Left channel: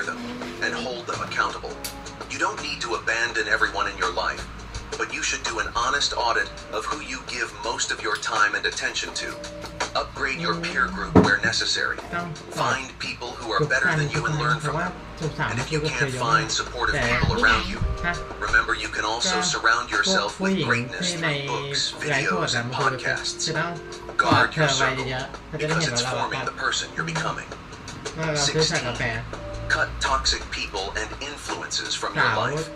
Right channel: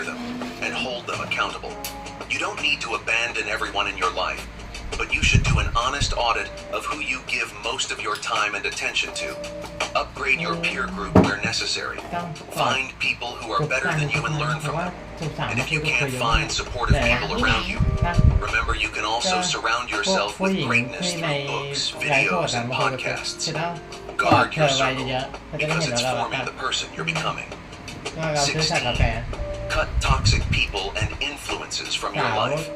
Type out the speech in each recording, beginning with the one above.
them and hold them accountable. You don't need to abandon everyone in your life, but you should do an honest audit of who you give most of your time and attention to. Upgrade your peer group where necessary. Find people who are better than you and learn from them. And if you can't find supportive people around you, remember you can also surround yourself with greatness through books, videos, and podcasts. Guard your circle, because it's forming the person you're becoming. 16. Cut toxic people and influences from your life.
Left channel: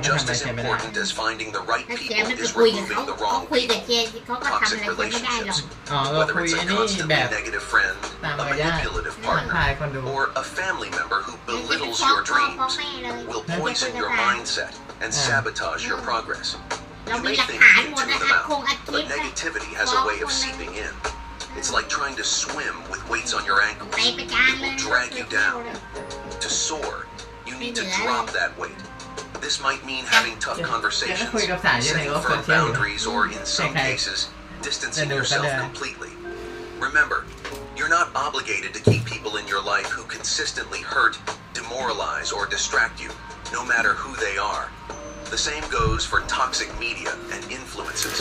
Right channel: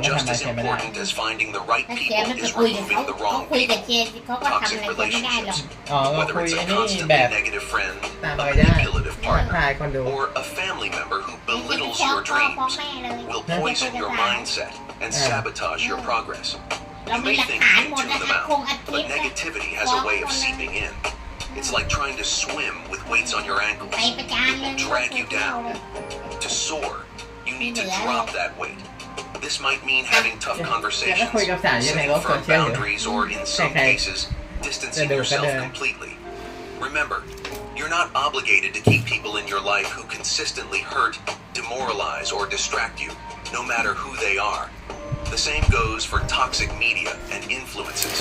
Just as important as finding the right people is removing the wrong people. Toxic relationships, whether it's a constantly negative friend, a manipulative partner, or a family member who belittles your dreams, will poison your mindset and sabotage your progress. You may think you can tune them out, but negativity has a way of seeping in. It's like trying to swim with weights on your ankles. It will drag you down. To soar, you need to drop that weight. This might mean having tough conversations, setting firm boundaries, or in some cases, distancing yourself completely. Remember, you're not obligated to keep people in your life who consistently hurt, demoralize, or distract you, no matter who they are. The same goes for toxic media and influences.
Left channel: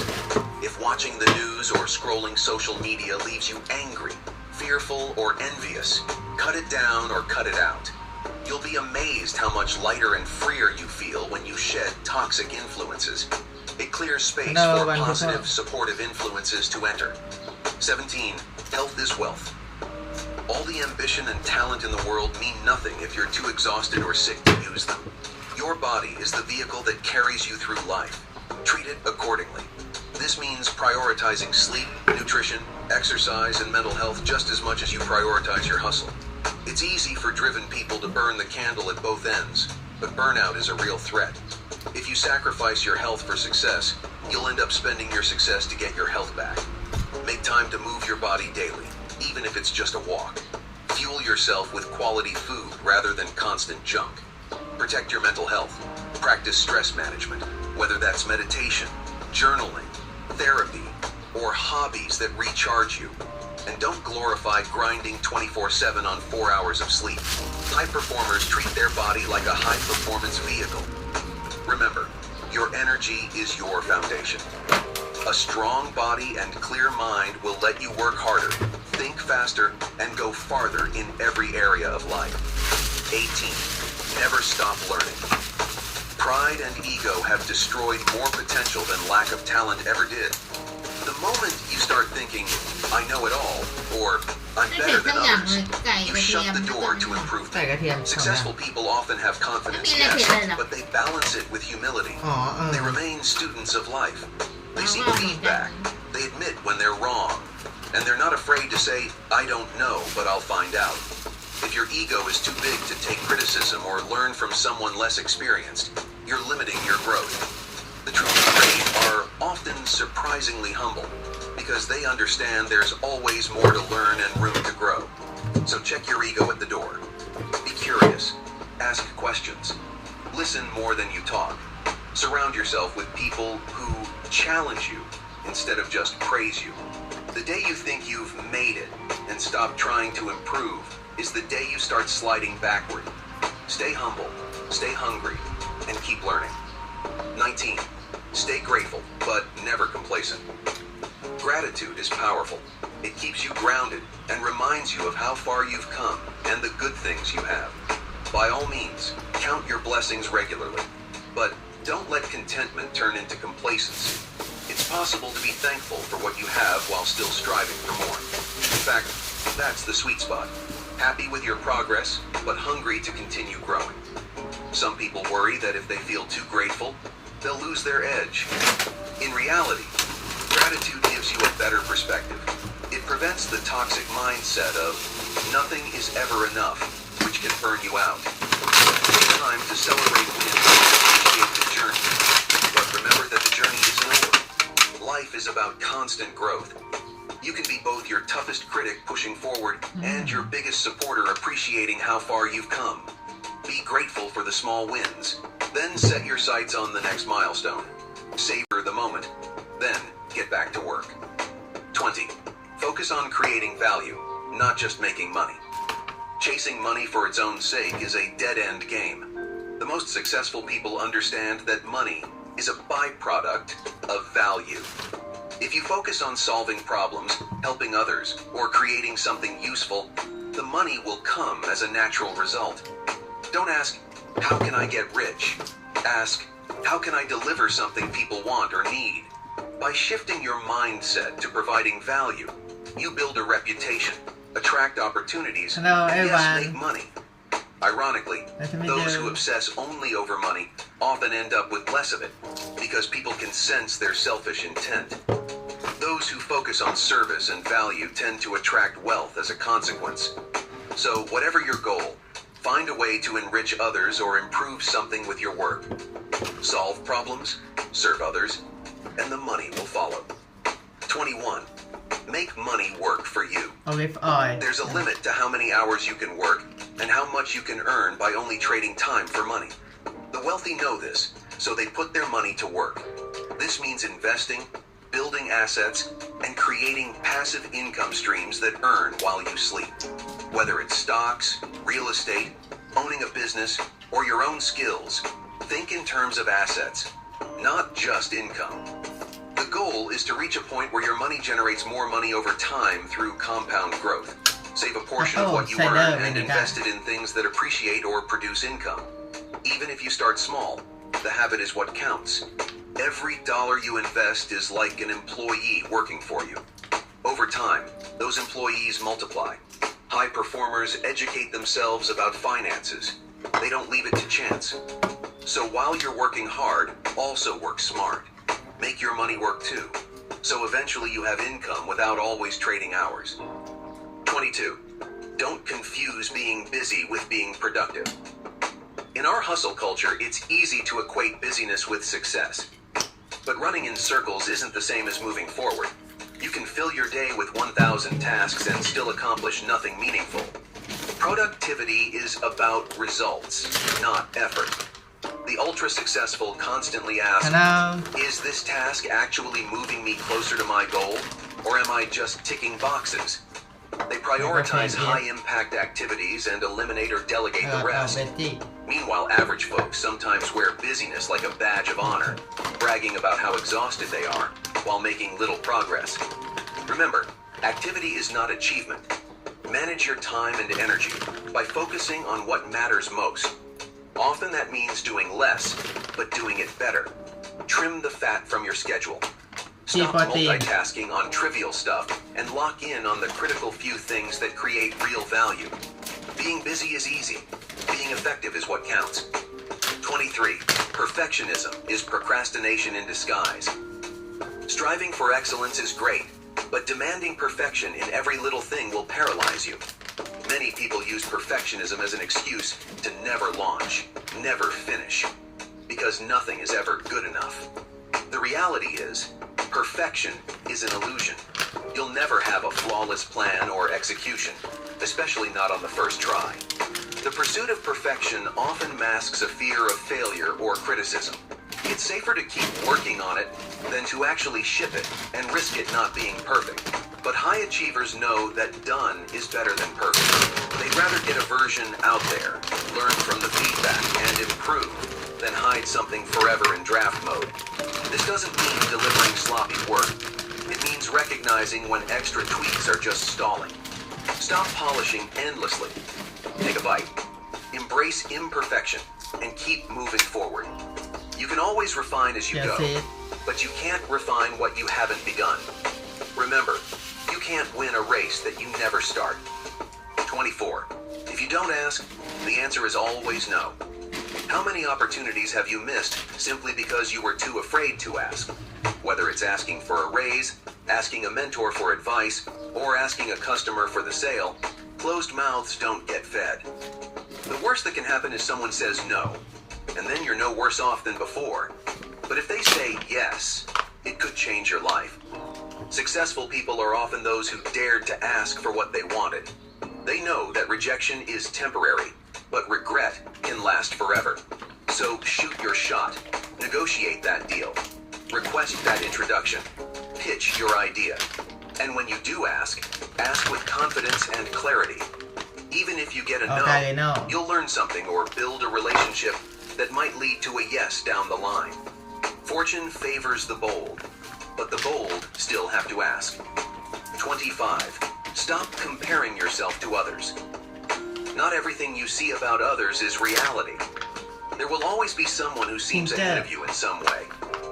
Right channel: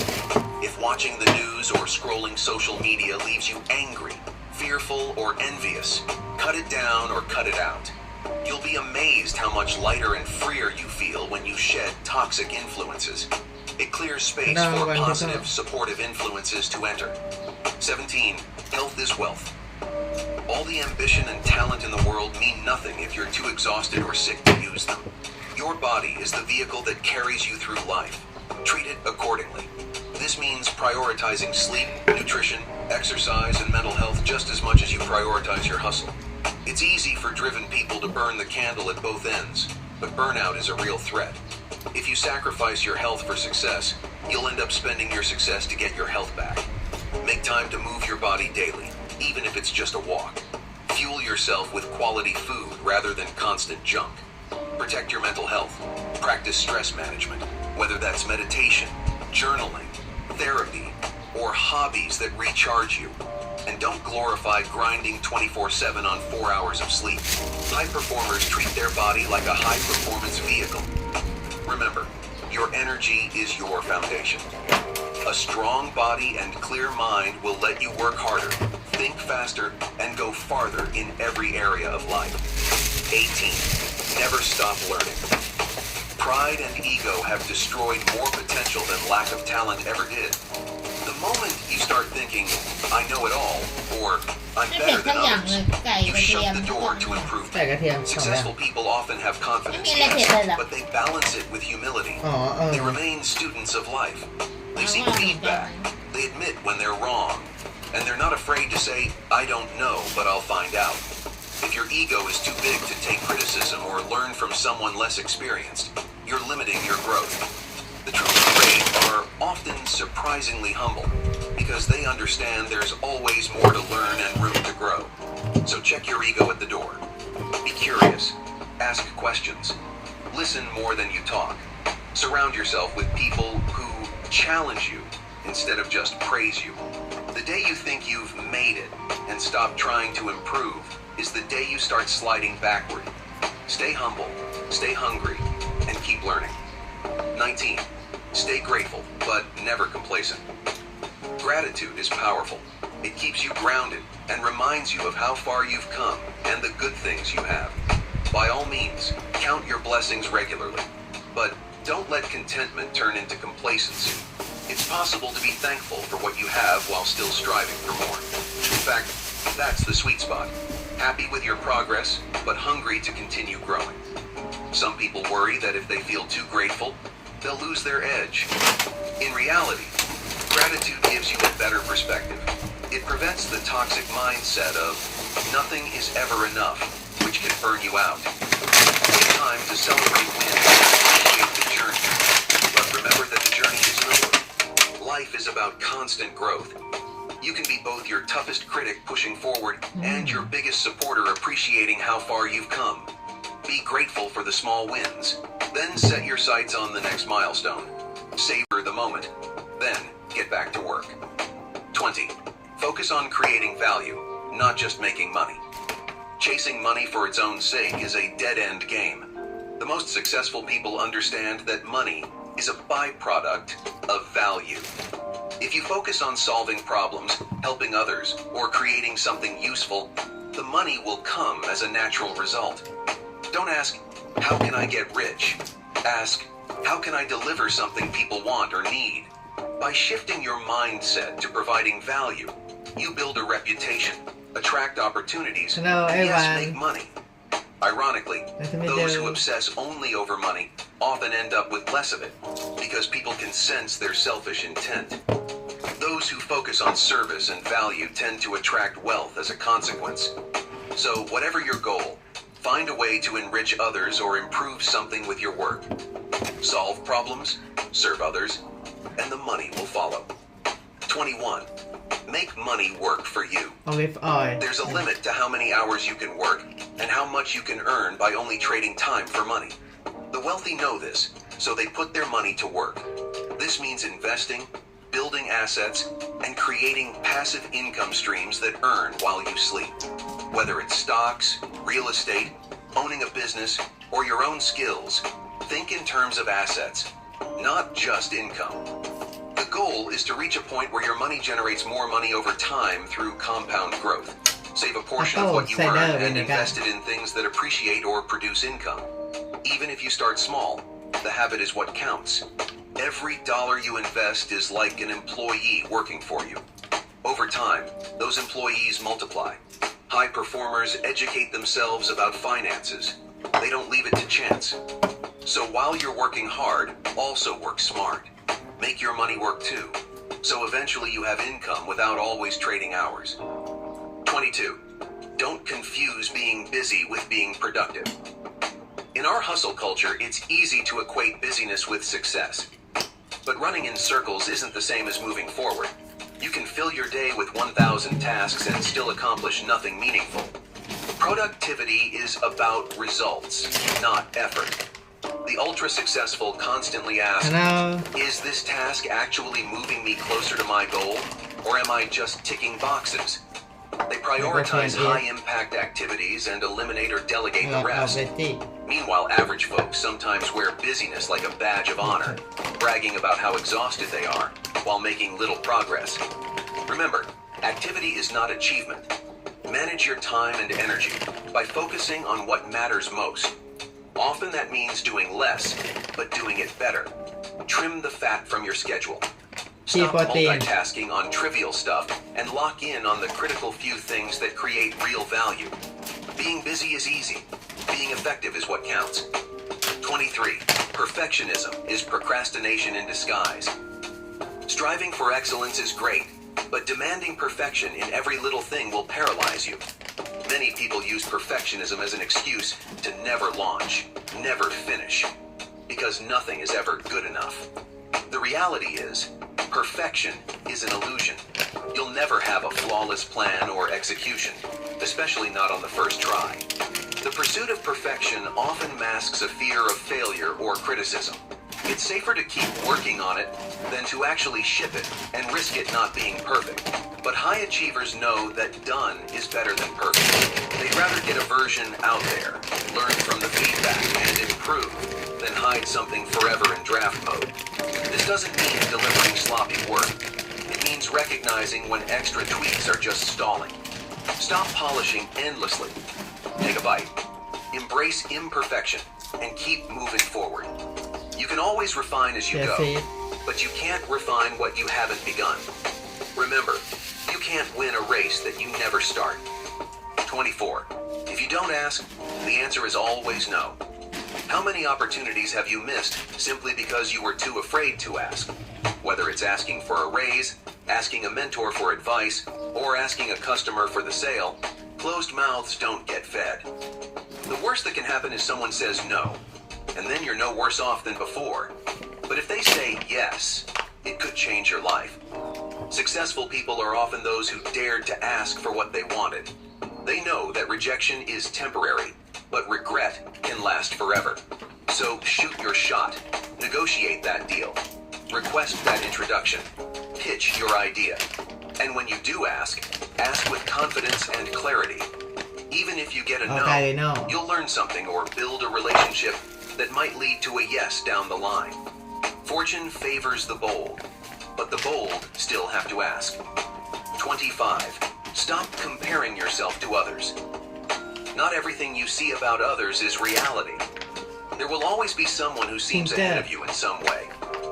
If watching the news or scrolling social media leaves you angry, fearful, or envious, cut it down or cut it out. You'll be amazed how much lighter and freer you feel when you shed toxic influences. It clears space for positive, supportive influences to enter. 17. Health is wealth. All the ambition and talent in the world mean nothing if you're too exhausted or sick to use them. Your body is the vehicle that carries you through life. Treat it accordingly. This means prioritizing sleep, nutrition, exercise, and mental health just as much as you prioritize your hustle. It's easy for driven people to burn the candle at both ends, but burnout is a real threat. If you sacrifice your health for success, you'll end up spending your success to get your health back. Make time to move your body daily, even if it's just a walk. Fuel yourself with quality food rather than constant junk. Protect your mental health. Practice stress management, whether that's meditation, journaling, therapy, or hobbies that recharge you. And don't glorify grinding 24/7 on 4 hours of sleep. High performers treat their body like a high-performance vehicle. Remember, your energy is your foundation. A strong body and clear mind will let you work harder, think faster, and go farther in every area of life. 18. Never stop learning. Pride and ego have destroyed more potential than lack of talent ever did. The moment you start thinking, I know it all, or I'm better than others, you shut the door to improvement. Successful people often have confidence, yes, but they balance it with humility. They remain students of life. They seek feedback. They admit when they're wrong. And they're not afraid to say, I don't know, but I'll find out. If your ego is too big to take criticism or learn from someone less experienced, you're limiting your growth. The truly great are often surprisingly humble because they understand there's always more to learn and room to grow. So check your ego at the door. Be curious. Ask questions. Listen more than you talk. Surround yourself with people who challenge you instead of just praise you. The day you think you've made it and stop trying to improve is the day you start sliding backward. Stay humble, stay hungry, and keep learning. 19. Stay grateful, but never complacent. Gratitude is powerful. It keeps you grounded and reminds you of how far you've come and the good things you have. By all means, count your blessings regularly, but don't let contentment turn into complacency. It's possible to be thankful for what you have while still striving for more. In fact, that's the sweet spot. Happy with your progress, but hungry to continue growing. Some people worry that if they feel too grateful, they'll lose their edge. In reality, gratitude gives you a better perspective. It prevents the toxic mindset of nothing is ever enough, which can burn you out. It's time to celebrate and appreciate the journey. But remember that the journey isn't over. Life is about constant growth. You can be both your toughest critic pushing forward and your biggest supporter appreciating how far you've come. Be grateful for the small wins. Then set your sights on the next milestone. Savor the moment. Then get back to work. 20. Focus on creating value, not just making money. Chasing money for its own sake is a dead-end game. The most successful people understand that money is a byproduct of value. If you focus on solving problems, helping others, or creating something useful, the money will come as a natural result. Don't ask, how can I get rich? Ask, how can I deliver something people want or need? By shifting your mindset to providing value, you build a reputation, attract opportunities, and yes, make money. Ironically, those who obsess only over money often end up with less of it, because people can sense their selfish intent. Those who focus on service and value tend to attract wealth as a consequence. So, whatever your goal, find a way to enrich others or improve something with your work. Solve problems, serve others, and the money will follow. 21. Make money work for you. There's a limit to how many hours you can work and how much you can earn by only trading time for money. The wealthy know this, so they put their money to work. This means investing, building assets, and creating passive income streams that earn while you sleep. Whether it's stocks, real estate, owning a business, or your own skills, think in terms of assets, not just income. The goal is to reach a point where your money generates more money over time through compound growth. Save a portion of what you earn and invest it in things that appreciate or produce income. Even if you start small, the habit is what counts. Every dollar you invest is like an employee working for you. Over time, those employees multiply. High performers educate themselves about finances. They don't leave it to chance. So while you're working hard, also work smart. Make your money work too. So eventually you have income without always trading hours. 22. Don't confuse being busy with being productive. In our hustle culture, it's easy to equate busyness with success. But running in circles isn't the same as moving forward. You can fill your day with 1,000 tasks and still accomplish nothing meaningful. Productivity is about results, not effort. The ultra-successful constantly ask, is this task actually moving me closer to my goal, or am I just ticking boxes? They prioritize high-impact activities and eliminate or delegate the rest. Meanwhile, average folks sometimes wear busyness like a badge of honor, bragging about how exhausted they are, while making little progress. Remember, activity is not achievement. Manage your time and energy by focusing on what matters most. Often that means doing less, but doing it better. Trim the fat from your schedule. Stop multitasking on trivial stuff and lock in on the critical few things that create real value. Being busy is easy. Being effective is what counts. 23. Perfectionism is procrastination in disguise. Striving for excellence is great, but demanding perfection in every little thing will paralyze you. Many people use perfectionism as an excuse to never launch, never finish, because nothing is ever good enough. The reality is, perfection is an illusion. You'll never have a flawless plan or execution, especially not on the first try. The pursuit of perfection often masks a fear of failure or criticism. It's safer to keep working on it than to actually ship it and risk it not being perfect. But high achievers know that done is better than perfect. They'd rather get a version out there, learn from the feedback, and improve, than hide something forever in draft mode. This doesn't mean delivering sloppy work. It means recognizing when extra tweaks are just stalling. Stop polishing endlessly. Take a bite. Embrace imperfection and keep moving forward. You can always refine as you go, but you can't refine what you haven't begun. Remember, you can't win a race that you never start. 24. If you don't ask, the answer is always no. How many opportunities have you missed simply because you were too afraid to ask? Whether it's asking for a raise, asking a mentor for advice, or asking a customer for the sale, closed mouths don't get fed. The worst that can happen is someone says no, and then you're no worse off than before. But if they say yes, it could change your life. Successful people are often those who dared to ask for what they wanted. They know that rejection is temporary, but regret can last forever. So shoot your shot. Negotiate that deal. Request that introduction. Pitch your idea. And when you do ask with confidence and clarity. Even if you get a Okay, no, no. you'll learn something or build a relationship that might lead to a yes down the line. Fortune favors the bold, but the bold still have to ask. 25. Stop comparing yourself to others. Not everything you see about others is reality. There will always be someone who seems ahead of you in some way,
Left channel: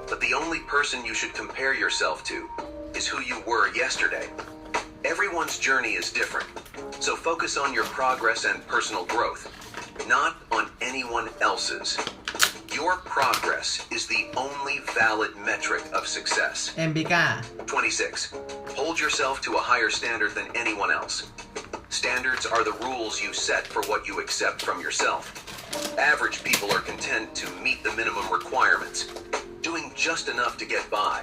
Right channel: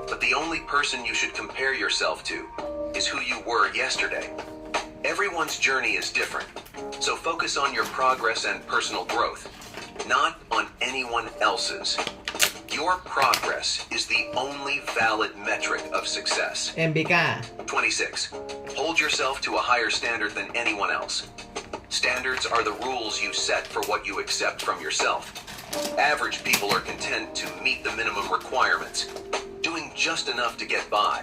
but the only person you should compare yourself to is who you were yesterday. Everyone's journey is different, so focus on your progress and personal growth, not on anyone else's. Your progress is the only valid metric of success. เอ็มบิก้า 26. Hold yourself to a higher standard than anyone else. Standards are the rules you set for what you accept from yourself. Average people are content to meet the minimum requirements, doing just enough to get by.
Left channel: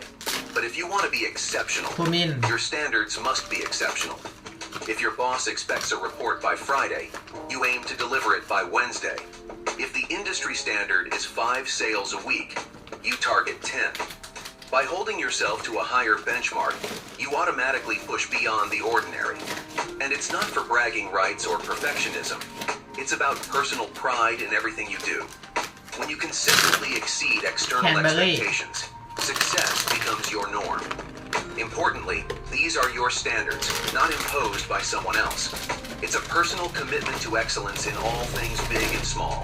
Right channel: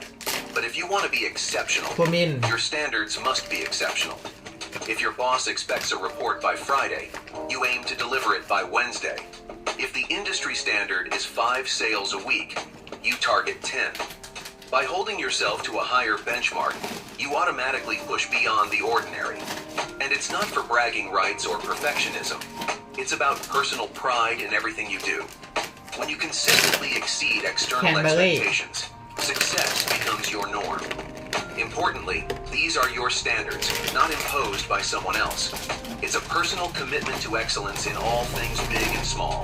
But if you want to be exceptional, ภูมิน your standards must be exceptional. If your boss expects a report by Friday, you aim to deliver it by Wednesday. If the industry standard is 5 sales a week, you target 10. By holding yourself to a higher benchmark, you automatically push beyond the ordinary. And it's not for bragging rights or perfectionism. It's about personal pride in everything you do. When you consistently exceed external expectations, success becomes your norm. Importantly, these are your standards, not imposed by someone else. It's a personal commitment to excellence in all things big and small.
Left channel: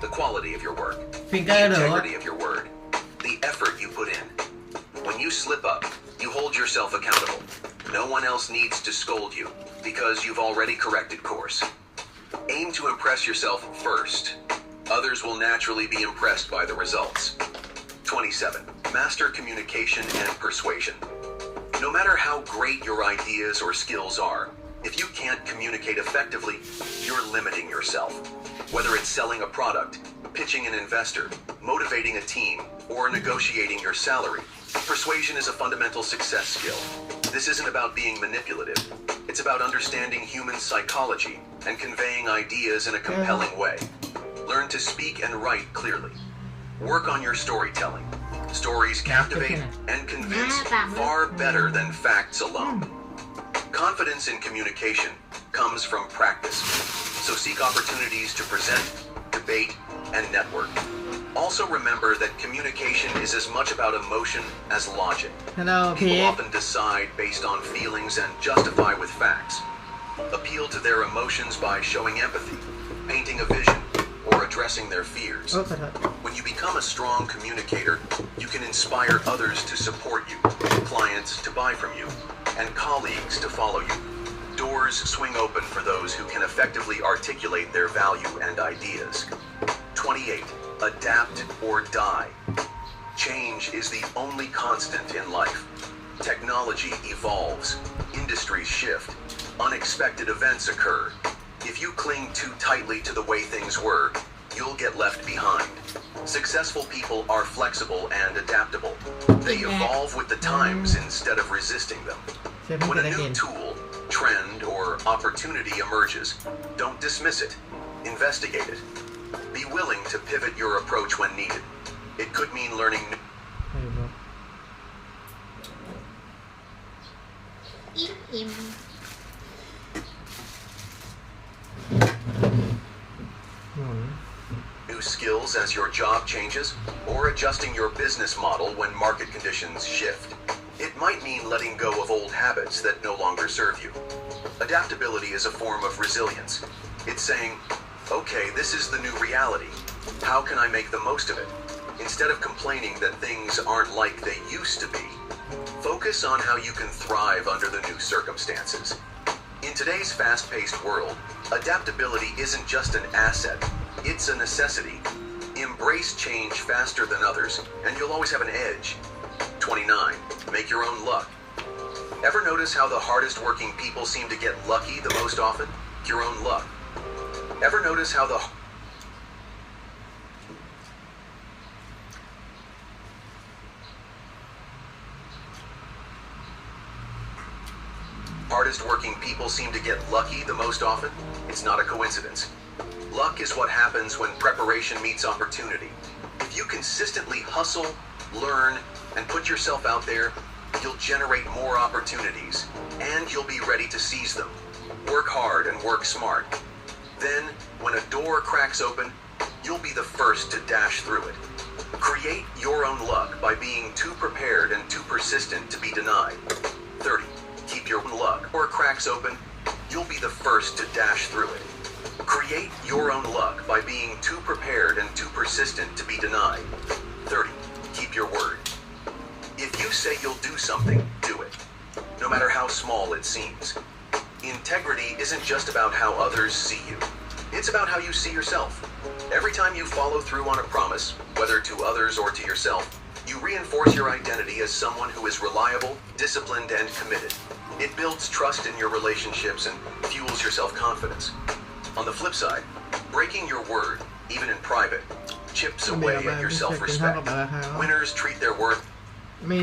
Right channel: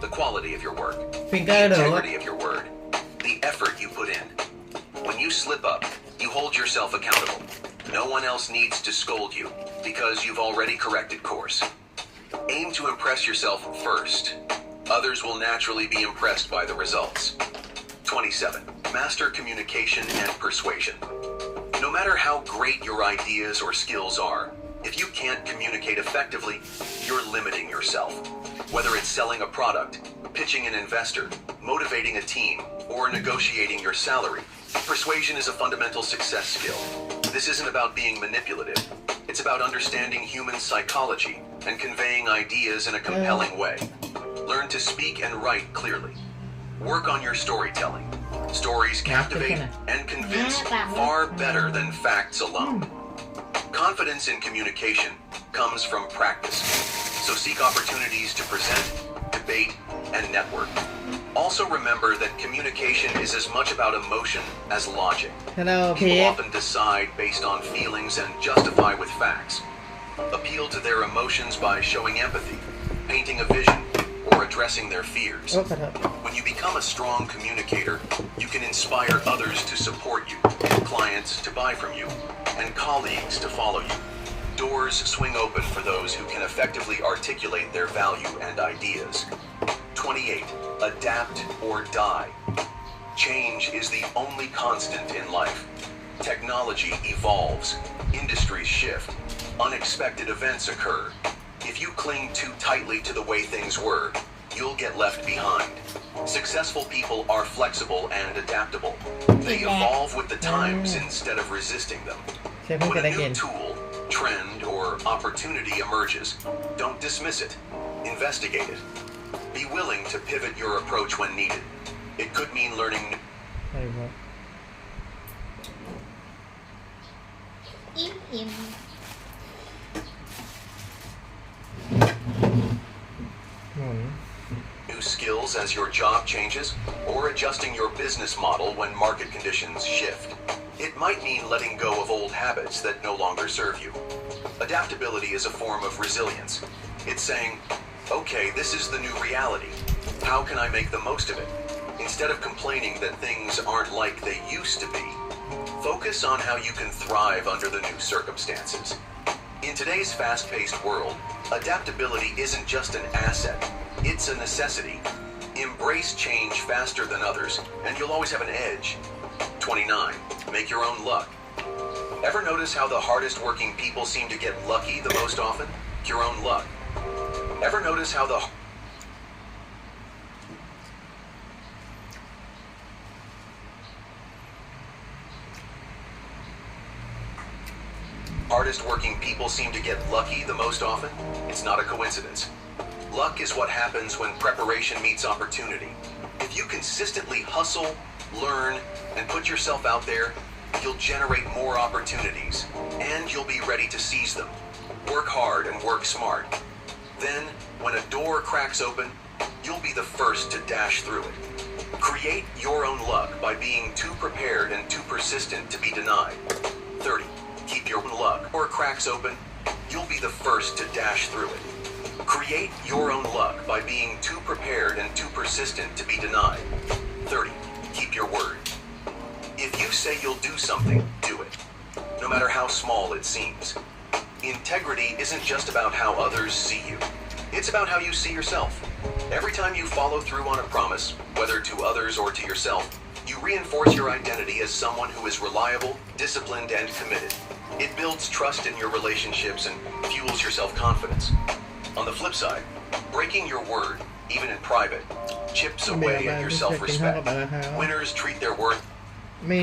The quality of your work, the integrity of your word, the effort you put in. When you slip up, you hold yourself accountable. No one else needs to scold you because you've already corrected course. Aim to impress yourself first. Others will naturally be impressed by the results. 27. Master communication and persuasion. No matter how great your ideas or skills are, if you can't communicate effectively, you're limiting yourself. Whether it's selling a product, pitching an investor, motivating a team, or negotiating your salary, persuasion is a fundamental success skill. This isn't about being manipulative. It's about understanding human psychology and conveying ideas in a compelling way. Learn to speak and write clearly. Work on your storytelling. Stories captivate and convince far better than facts alone. Confidence in communication comes from practice, so seek opportunities to present, debate, and network. Also remember that communication is as much about emotion as logic. People often decide based on feelings and justify with facts. Appeal to their emotions by showing empathy, painting a vision, or addressing their fears. When you become a strong communicator, you can inspire others to support you, clients to buy from you, and colleagues to follow you. Doors swing open for those who can effectively articulate their value and ideas. 28. Adapt or die. Change is the only constant in life. Technology evolves, industries shift, unexpected events occur. If you cling too tightly to the way things were, you'll get left behind. Successful people are flexible and adaptable. They evolve with the times instead of resisting them. When a new tool, trend, or opportunity emerges, don't dismiss it. Investigate it. Be willing to pivot your approach when needed. It could mean learning new... อิ่ม new skills as your job changes, or adjusting your business model when market conditions shift. It might mean letting go of old habits that no longer serve you. Adaptability is a form of resilience. It's saying, okay, this is the new reality. How can I make the most of it? Instead of complaining that things aren't like they used to be, focus on how you can thrive under the new circumstances. In today's fast-paced world, adaptability isn't just an asset, it's a necessity. Embrace change faster than others, and you'll always have an edge. 29. Make your own luck. Ever notice how the hardest working people seem to get lucky the most often? Your own luck. Ever notice how the hardest working people seem to get lucky the most often? It's not a coincidence. Luck is what happens when preparation meets opportunity. If you consistently hustle, learn, and put yourself out there, you'll generate more opportunities, and you'll be ready to seize them. Work hard and work smart. Then, when a door cracks open, you'll be the first to dash through it. Create your own luck by being too prepared and too persistent to be denied. 30. Keep your own luck. Door cracks open, you'll be the first to dash through it. Create your own luck by being too prepared and too persistent to be denied. 30. Keep your word. If you say you'll do something, do it. No matter how small it seems. Integrity isn't just about how others see you. It's about how you see yourself. Every time you follow through on a promise, whether to others or to yourself, you reinforce your identity as someone who is reliable, disciplined, and committed. It builds trust in your relationships and fuels your self-confidence. On the flip side, breaking your word, even in private, chips away at your self-respect. Winners treat their worth. มี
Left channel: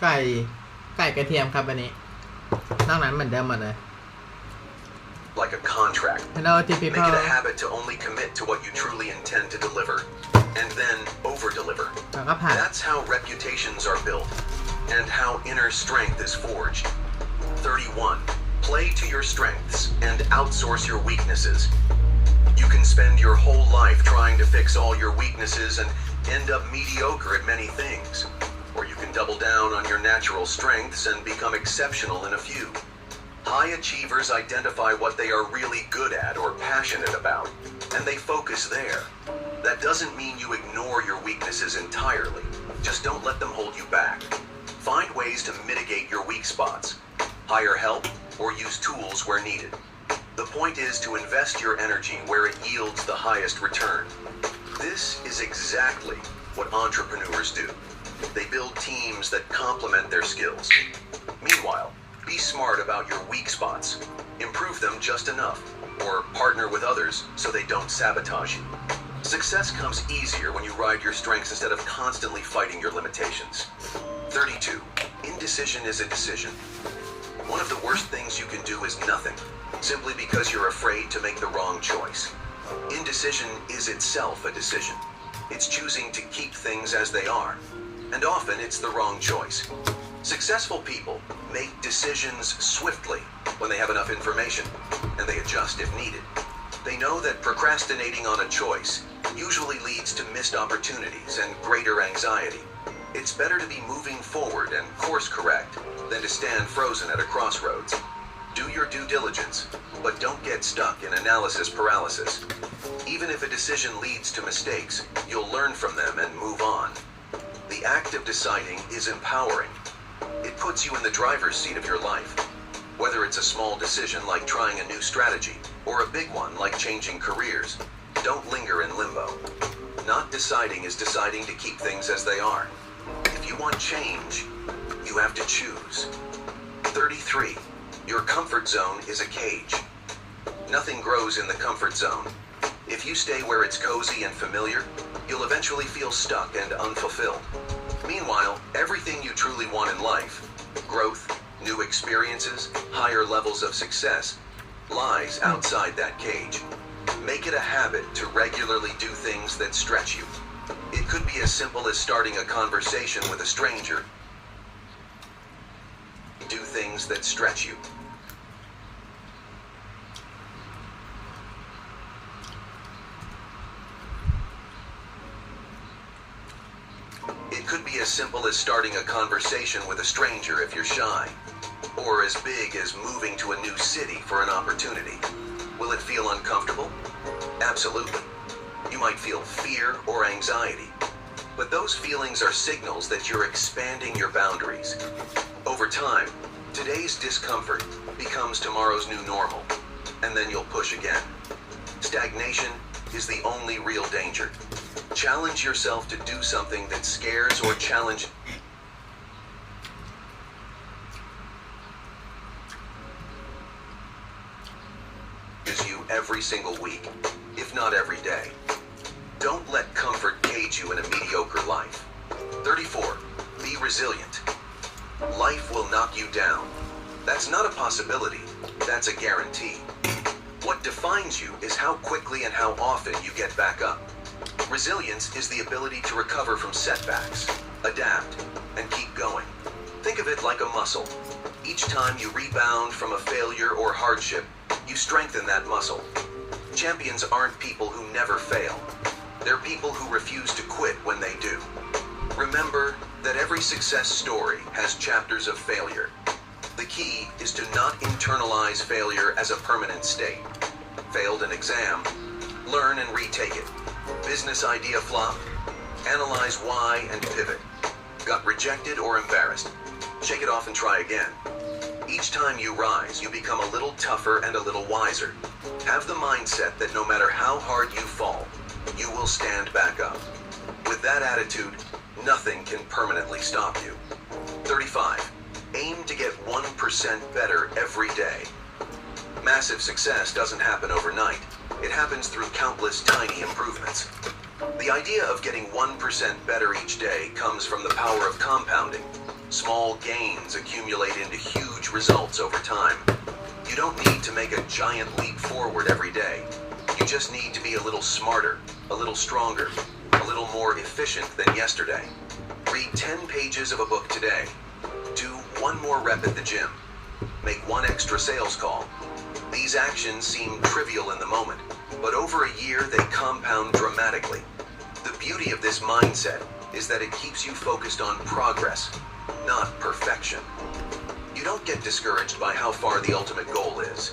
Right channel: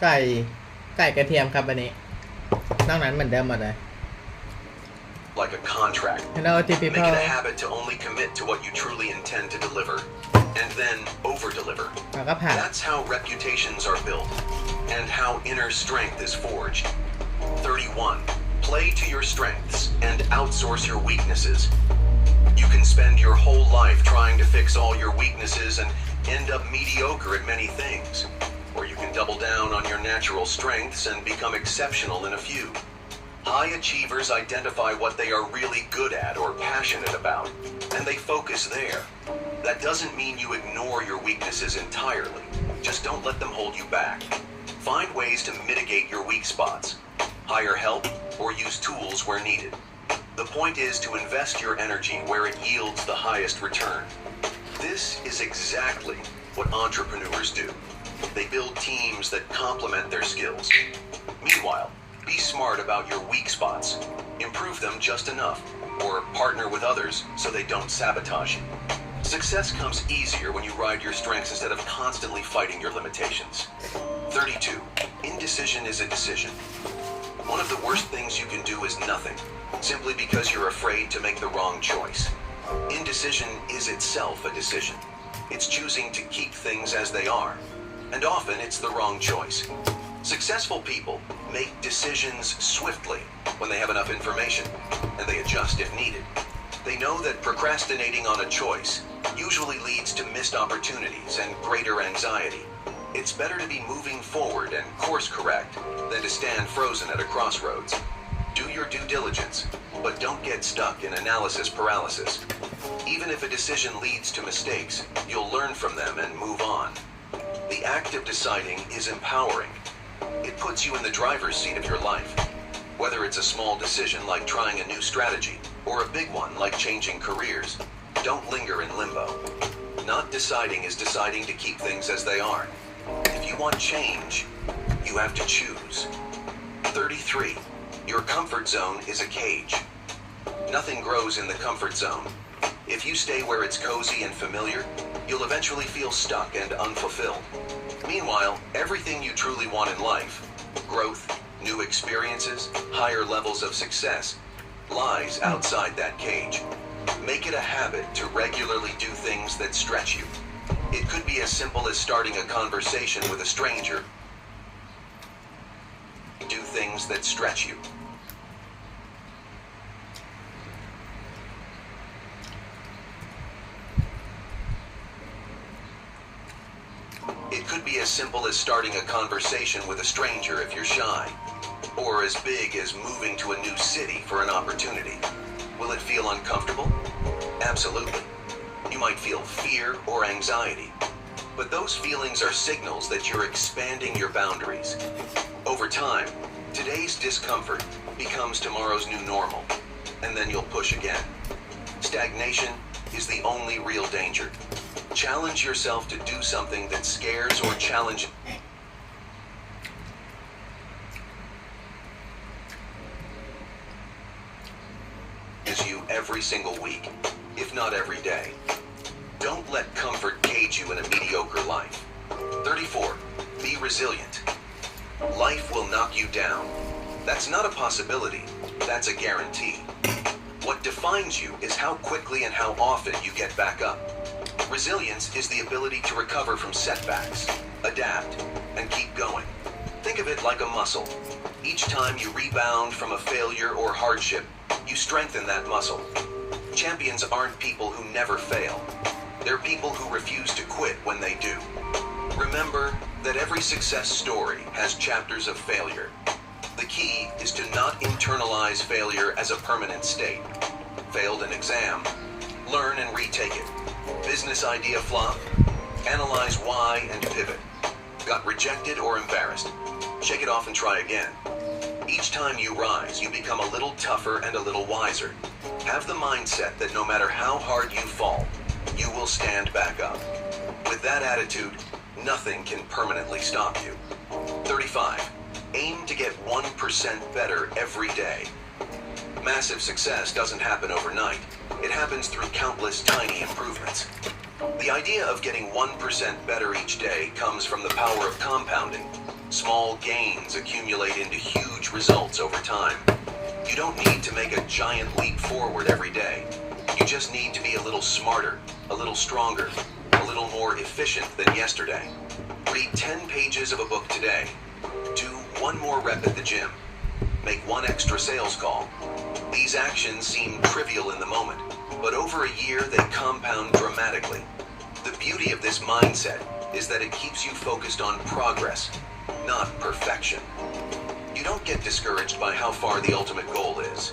ไก่กระเทียมครับวันนี้นอกนั้นเหมือนเดิมหมดเลย Like a contract. Make it a habit to only commit to what you truly intend to deliver, and then over-deliver. That's how reputations are built, and how inner strength is forged. 31. Play to your strengths and outsource your weaknesses. You can spend your whole life trying to fix all your weaknesses and end up mediocre at many things. Or you can double down on your natural strengths and become exceptional in a few. High achievers identify what they are really good at or passionate about, and they focus there. That doesn't mean you ignore your weaknesses entirely. Just don't let them hold you back. Find ways to mitigate your weak spots. Hire help or use tools where needed. The point is to invest your energy where it yields the highest return. This is exactly what entrepreneurs do. They build teams that complement their skills. Meanwhile, be smart about your weak spots. Improve them just enough, or partner with others so they don't sabotage you. Success comes easier when you ride your strengths instead of constantly fighting your limitations. 32. Indecision is a decision. One of the worst things you can do is nothing, simply because you're afraid to make the wrong choice. Indecision is itself a decision. It's choosing to keep things as they are, and often it's the wrong choice. Successful people make decisions swiftly when they have enough information, and they adjust if needed. They know that procrastinating on a choice usually leads to missed opportunities and greater anxiety. It's better to be moving forward and course correct than to stand frozen at a crossroads. Do your due diligence, but don't get stuck in analysis paralysis. Even if a decision leads to mistakes, you'll learn from them and move on. The act of deciding is empowering. It puts you in the driver's seat of your life. Whether it's a small decision like trying a new strategy, or a big one like changing careers, don't linger in limbo. Not deciding is deciding to keep things as they are. If you want change, you have to choose. 33. Your comfort zone is a cage. Nothing grows in the comfort zone. If you stay where it's cozy and familiar, you'll eventually feel stuck and unfulfilled. Meanwhile, everything you truly want in life, growth, new experiences, higher levels of success, lies outside that cage. Make it a habit to regularly do things that stretch you. It could be as simple as starting a conversation with a stranger. Do things that stretch you. It could be as simple as starting a conversation with a stranger if you're shy, or as big as moving to a new city for an opportunity. Will it feel uncomfortable? Absolutely. You might feel fear or anxiety, but those feelings are signals that you're expanding your boundaries. Over time, today's discomfort becomes tomorrow's new normal, and then you'll push again. Stagnation is the only real danger. Challenge yourself to do something that scares or challenges you every single week, if not every day. Don't let comfort cage you in a mediocre life. 34. Be resilient. Life will knock you down. That's not a possibility. That's a guarantee. What defines you is how quickly and how often you get back up. Resilience is the ability to recover from setbacks, adapt, and keep going. Think of it like a muscle. Each time you rebound from a failure or hardship, you strengthen that muscle. Champions aren't people who never fail. They're people who refuse to quit when they do. Remember that every success story has chapters of failure. The key is to not internalize failure as a permanent state. Failed an exam, learn and retake it. Business idea flop, analyze why and pivot. Got rejected or embarrassed, shake it off and try again. Each time you rise, you become a little tougher and a little wiser. Have the mindset that no matter how hard you fall, you will stand back up. With that attitude, nothing can permanently stop you. 35. Aim to get 1% better every day. Massive success doesn't happen overnight. It happens through countless tiny improvements. The idea of getting 1% better each day comes from the power of compounding. Small gains accumulate into huge results over time. You don't need to make a giant leap forward every day. You just need to be a little smarter, a little stronger, a little more efficient than yesterday. Read 10 pages of a book today. Do one more rep at the gym. Make one extra sales call. These actions seem trivial in the moment, but over a year they compound dramatically. The beauty of this mindset is that it keeps you focused on progress, not perfection. You don't get discouraged by how far the ultimate goal is.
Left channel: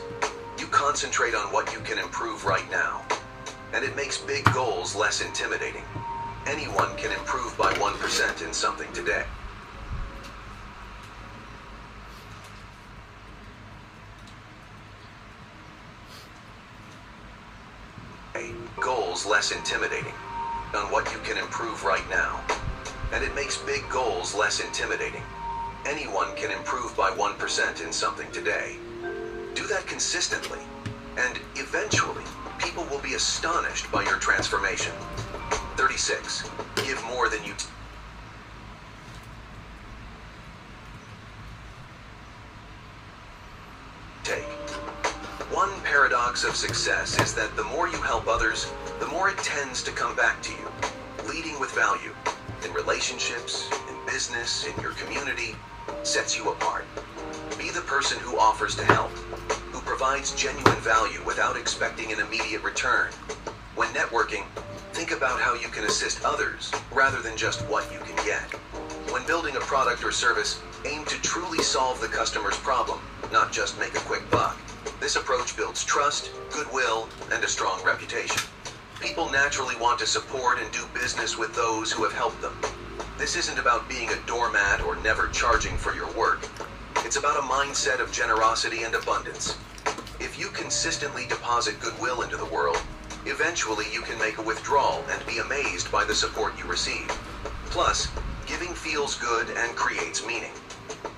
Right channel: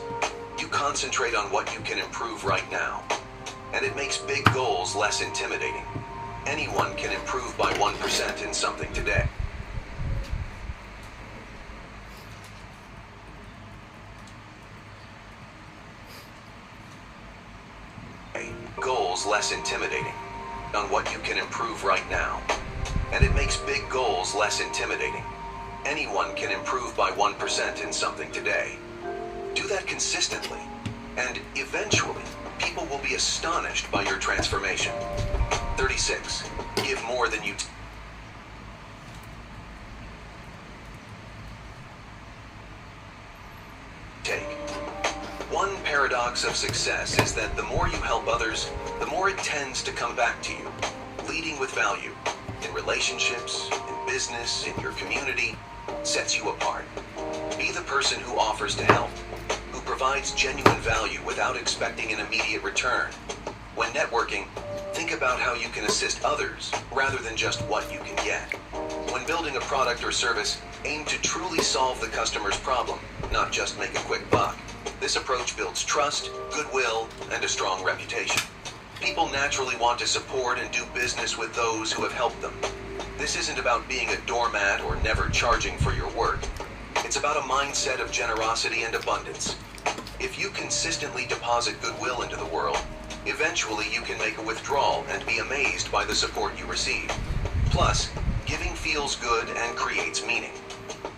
You concentrate on what you can improve right now. And it makes big goals less intimidating. Anyone can improve by 1% in something today. Goals less intimidating on what you can improve right now. And it makes big goals less intimidating. Anyone can improve by 1% in something today. Do that consistently, and eventually, people will be astonished by your transformation. 36. Give more than you take. One paradox of success is that the more you help others, the more it tends to come back to you. Leading with value, in relationships, in business, in your community, sets you apart. Be the person who offers to help, who provides genuine value without expecting an immediate return. When networking, think about how you can assist others rather than just what you can get. When building a product or service, aim to truly solve the customer's problem, not just make a quick buck. This approach builds trust, goodwill, and a strong reputation. People naturally want to support and do business with those who have helped them. This isn't about being a doormat or never charging for your work. It's about a mindset of generosity and abundance. If you consistently deposit goodwill into the world, eventually you can make a withdrawal and be amazed by the support you receive. Plus, giving feels good and creates meaning.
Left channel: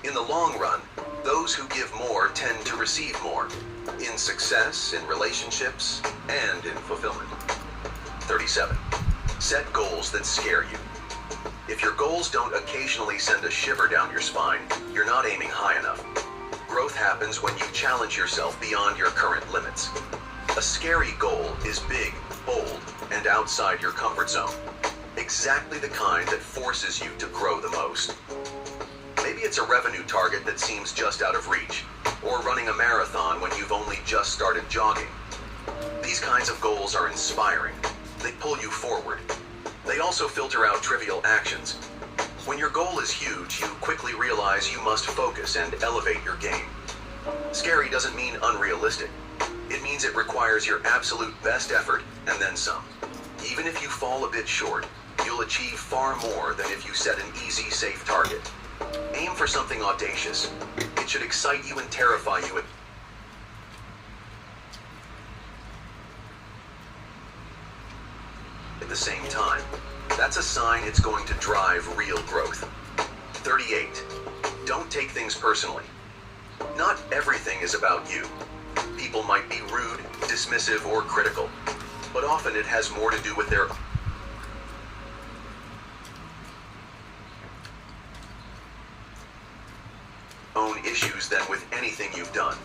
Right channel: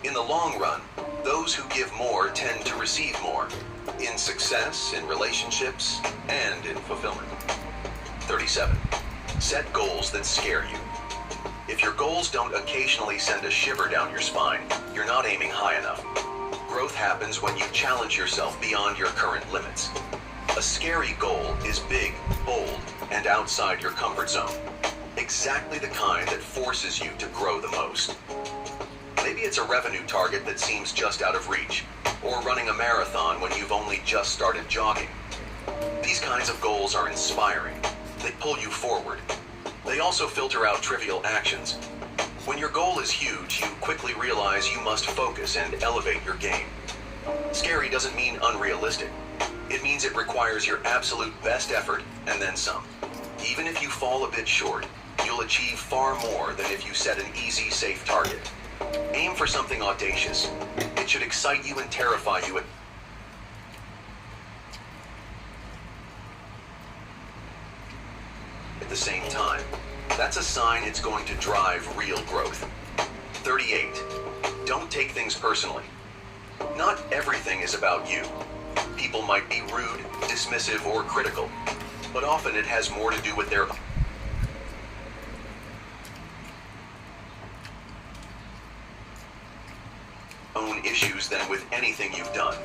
In the long run, those who give more tend to receive more, in success, in relationships, and in fulfillment. 37. Set goals that scare you. If your goals don't occasionally send a shiver down your spine, you're not aiming high enough. Growth happens when you challenge yourself beyond your current limits. A scary goal is big, bold, and outside your comfort zone. Exactly the kind that forces you to grow the most. Maybe it's a revenue target that seems just out of reach, or running a marathon when you've only just started jogging. These kinds of goals are inspiring. They pull you forward. They also filter out trivial actions. When your goal is huge, you quickly realize you must focus and elevate your game. Scary doesn't mean unrealistic. It means it requires your absolute best effort and then some. Even if you fall a bit short, you'll achieve far more than if you set an easy, safe target. Aim for something audacious. It should excite you and terrify you at the same time. That's a sign it's going to drive real growth. 38. Don't take things personally. Not everything is about you. People might be rude, dismissive, or critical, but often it has more to do with their own issues than with anything you've done.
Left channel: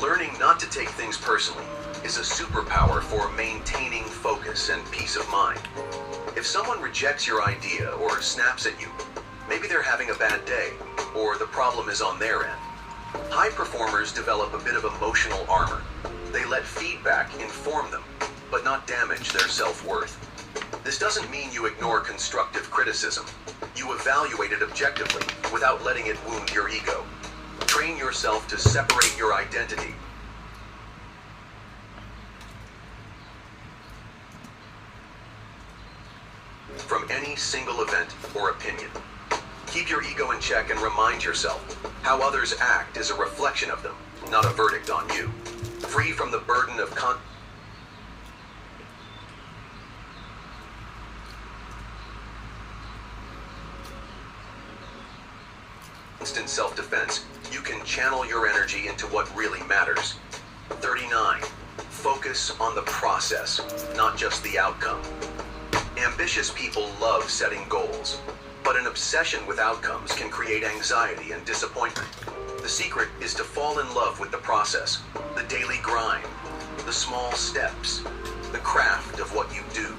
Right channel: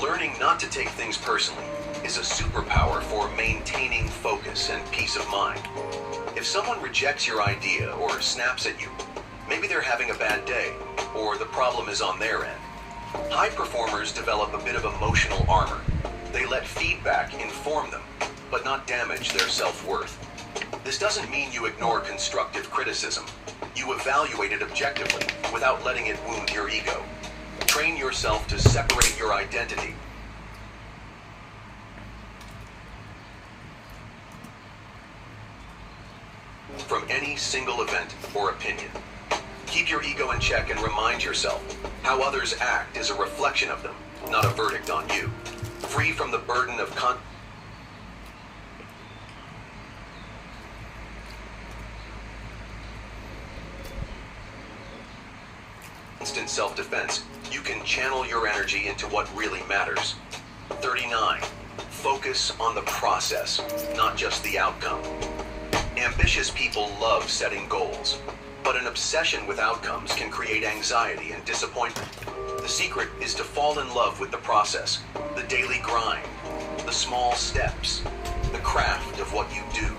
Learning not to take things personally is a superpower for maintaining focus and peace of mind. If someone rejects your idea or snaps at you, maybe they're having a bad day, or the problem is on their end. High performers develop a bit of emotional armor. They let feedback inform them, but not damage their self-worth. This doesn't mean you ignore constructive criticism. You evaluate it objectively without letting it wound your ego. Train yourself to separate your identity from any single event or opinion. Keep your ego in check and remind yourself how others act is a reflection of them, not a verdict on you. Free from the burden of constant self-defense, you can channel your energy into what really matters. 39. Focus on the process, not just the outcome. Ambitious people love setting goals, but an obsession with outcomes can create anxiety and disappointment. The secret is to fall in love with the process, the daily grind, the small steps, the craft of what you do.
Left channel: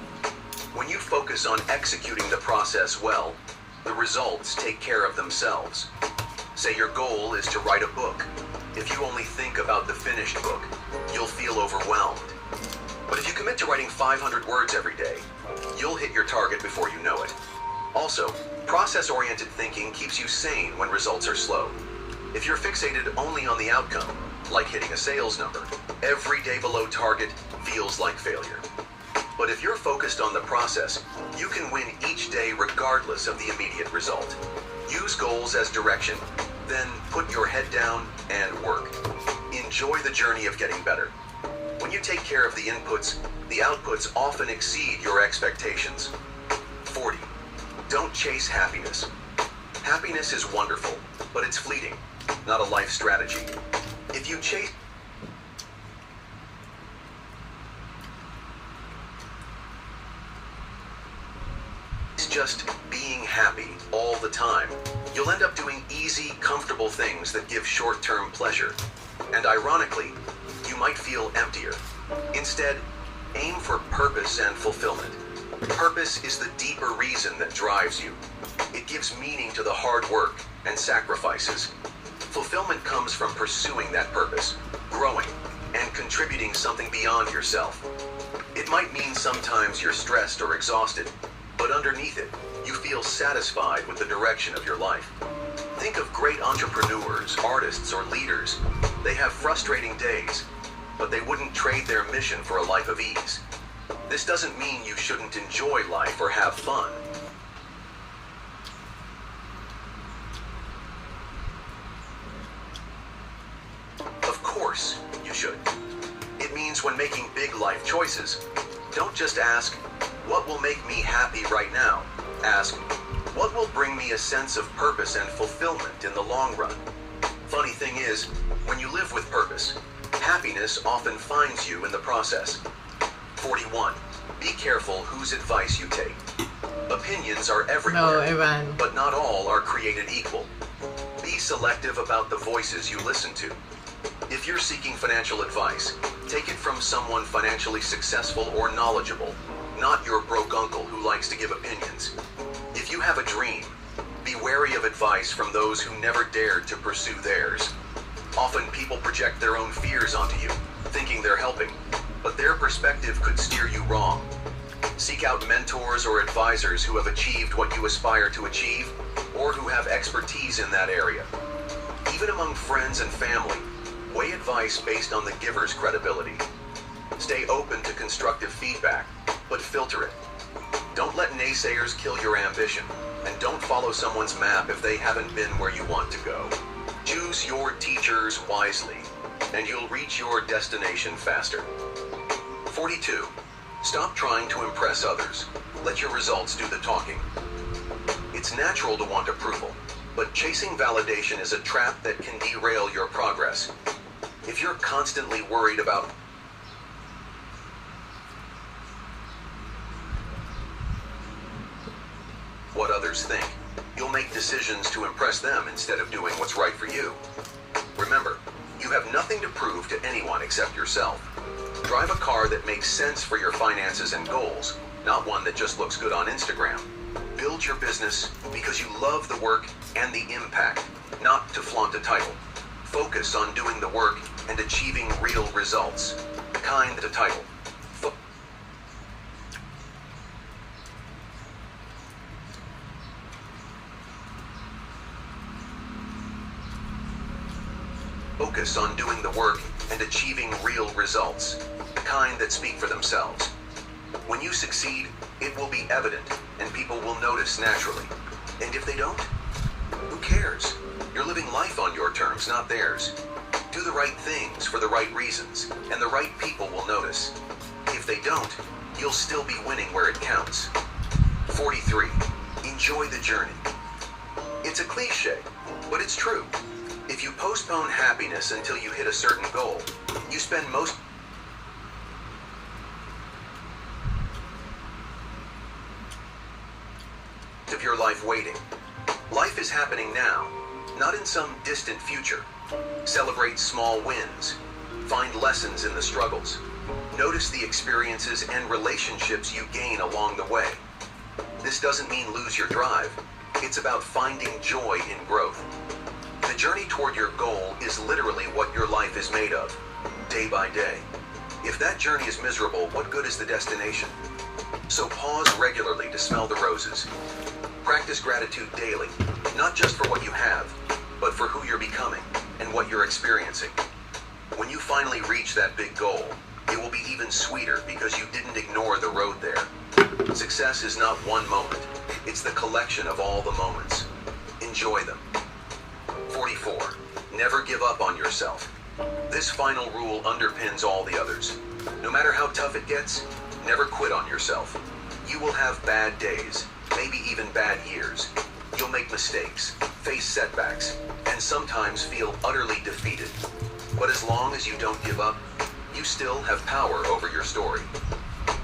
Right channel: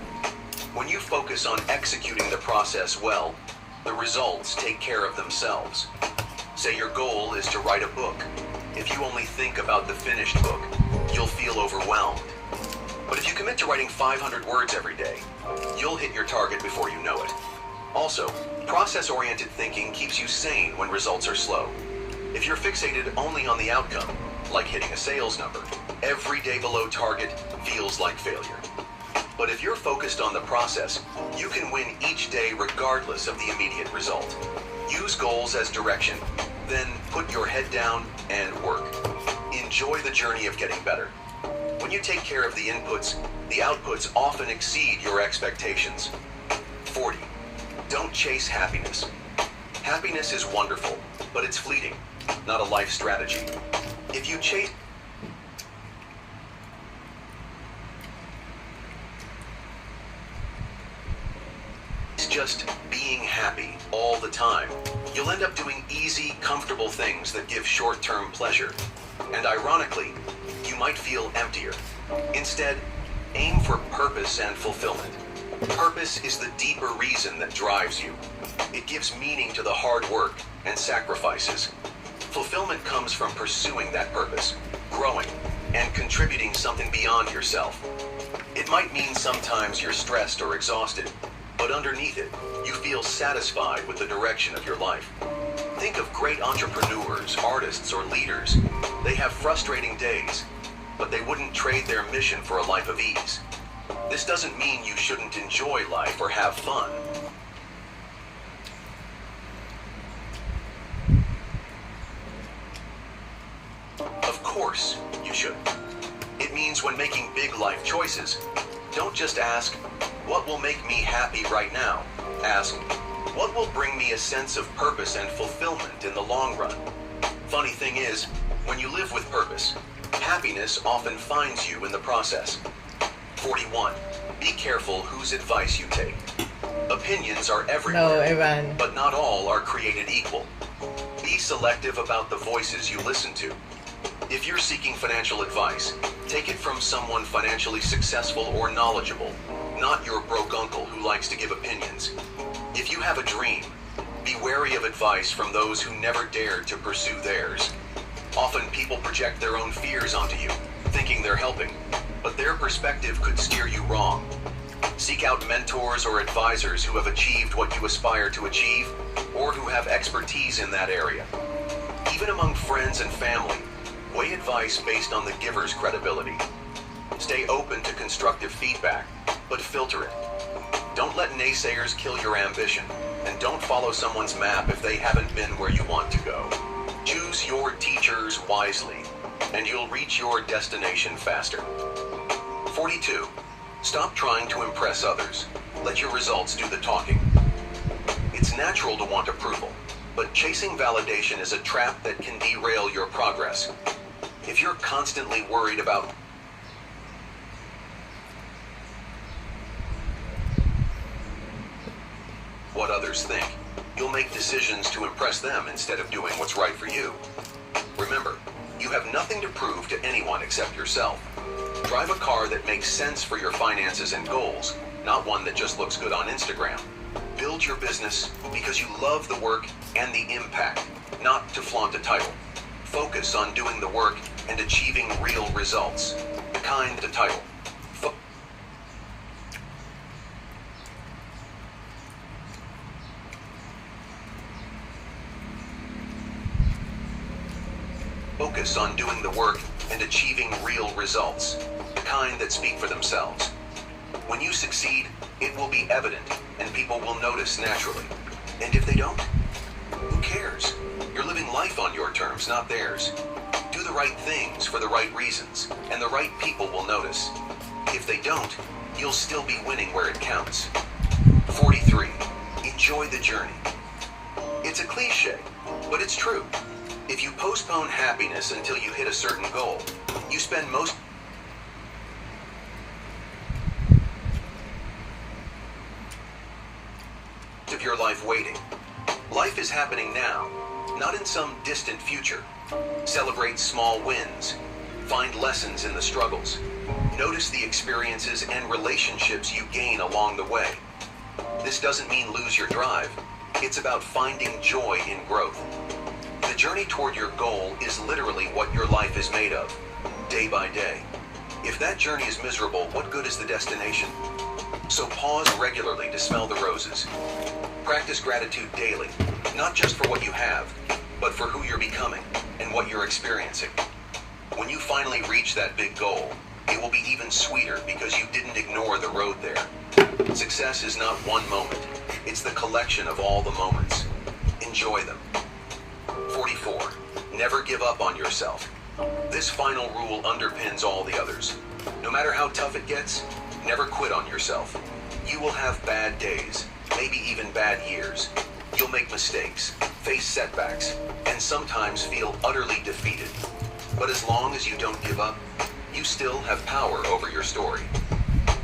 When you focus on executing the process well, the results take care of themselves. Say your goal is to write a book. If you only think about the finished book, you'll feel overwhelmed. But if you commit to writing 500 words every day, you'll hit your target before you know it. Also, process-oriented thinking keeps you sane when results are slow. If you're fixated only on the outcome, like hitting a sales number, every day below target feels like failure. But if you're focused on the process, you can win each day regardless of the immediate result. Use goals as direction, then put your head down and work. Enjoy the journey of getting better. When you take care of the inputs, the outputs often exceed your expectations. 40. Don't chase happiness. Happiness is wonderful, but it's fleeting, not a life strategy. If you chase just being happy all the time, you'll end up doing easy, comfortable things that give short-term pleasure. And ironically, you might feel emptier. Instead, aim for purpose and fulfillment. Purpose is the deeper reason that drives you. It gives meaning to the hard work and sacrifices. Fulfillment comes from pursuing that purpose, growing, and contributing something beyond yourself. It might mean sometimes you're stressed or exhausted, but underneath it, you feel satisfied with the direction of your life. Think of great entrepreneurs, artists, or leaders. They have frustrating days, but they wouldn't trade their mission for a life of ease. This doesn't mean you shouldn't enjoy life or have fun. Of course, you should. It means when making big life choices, don't just ask, what will make me happy right now? Ask, what will bring me a sense of purpose and fulfillment in the long run? Funny thing is, when you live with purpose, happiness often finds you in the process. 41. Be careful whose advice you take. Opinions are everywhere, but not all are created equal. Be selective about the voices you listen to. If you're seeking financial advice, take it from someone financially successful or knowledgeable, not your broke uncle who likes to give opinions. If you have a dream, be wary of advice from those who never dared to pursue theirs. Often people project their own fears onto you, thinking they're helping, but their perspective could steer you wrong. Seek out mentors or advisors who have achieved what you aspire to achieve, or who have expertise in that area. Even among friends and family, weigh advice based on the giver's credibility. Stay open to constructive feedback, but filter it. Don't let naysayers kill your ambition, and don't follow someone's map if they haven't been where you want to go. Choose your teachers wisely, and you'll reach your destination faster. 42. Stop trying to impress others. Let your results do the talking. It's natural to want approval, but chasing validation is a trap that can derail your progress. If you're constantly worried about what others think, you'll make decisions to impress them instead of doing what's right for you. Remember, you have nothing to prove to anyone except yourself. Drive a car that makes sense for your finances and goals, not one that just looks good on Instagram. Build your business because you love the work and the impact, not to flaunt a title. Focus on doing the work and achieving real results. Kind the title. Focus on doing the work and achieving real results. The kind that speak for themselves. When you succeed, it will be evident and people will notice naturally. And if they don't, who cares? You're living life on your terms, not theirs. Do the right things for the right reasons, and the right people will notice. If they don't, you'll still be winning where it counts. 43. Enjoy the journey. It's a cliche, but it's true. If you postpone happiness until you hit a certain goal, you spend most of your life waiting. Life is happening now, not in some distant future. Celebrate small wins. Find lessons in the struggles. Notice the experiences and relationships you gain along the way. This doesn't mean lose your drive. It's about finding joy in growth. The journey toward your goal is literally what your life is made of, day by day. If that journey is miserable, what good is the destination? So pause regularly to smell the roses. Practice gratitude daily, not just for what you have, but for who you're becoming and what you're experiencing. When you finally reach that big goal, it will be even sweeter because you didn't ignore the road there. Success is not one moment. It's the collection of all the moments. Enjoy them. 44. Never give up on yourself. This final rule underpins all the others. No matter how tough it gets, never quit on yourself. You will have bad days, maybe even bad years. You'll make mistakes, face setbacks, and sometimes feel utterly defeated. But as long as you don't give up, you still have power over your story.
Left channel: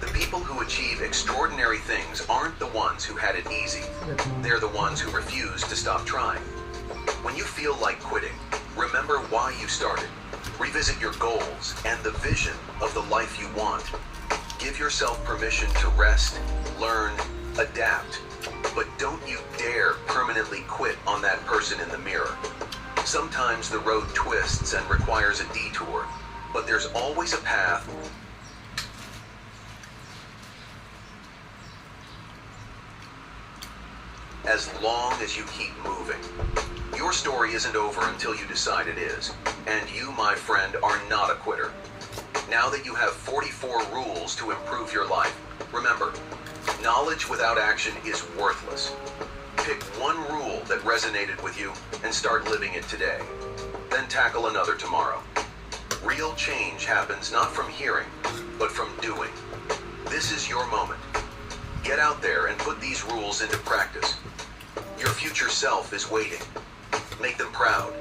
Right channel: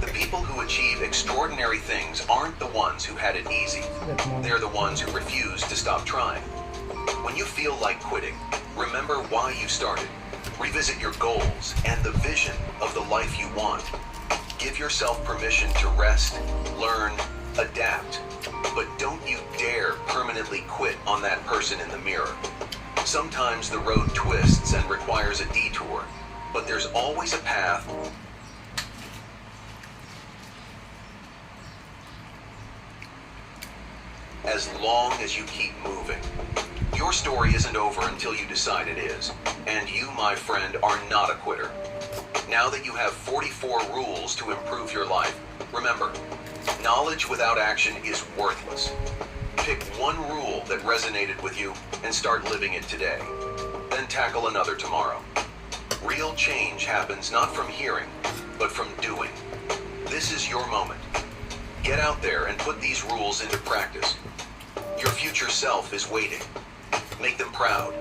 The people who achieve extraordinary things aren't the ones who had it easy. They're the ones who refuse to stop trying. When you feel like quitting, remember why you started. Revisit your goals and the vision of the life you want. Give yourself permission to rest, learn, adapt. But don't you dare permanently quit on that person in the mirror. Sometimes the road twists and requires a detour, but there's always a path. As long as you keep moving. Your story isn't over until you decide it is. And you, my friend, are not a quitter. Now that you have 44 rules to improve your life, remember, knowledge without action is worthless. Pick one rule that resonated with you and start living it today. Then tackle another tomorrow. Real change happens not from hearing, but from doing. This is your moment. Get out there and put these rules into practice. Your future self is waiting. Make them proud.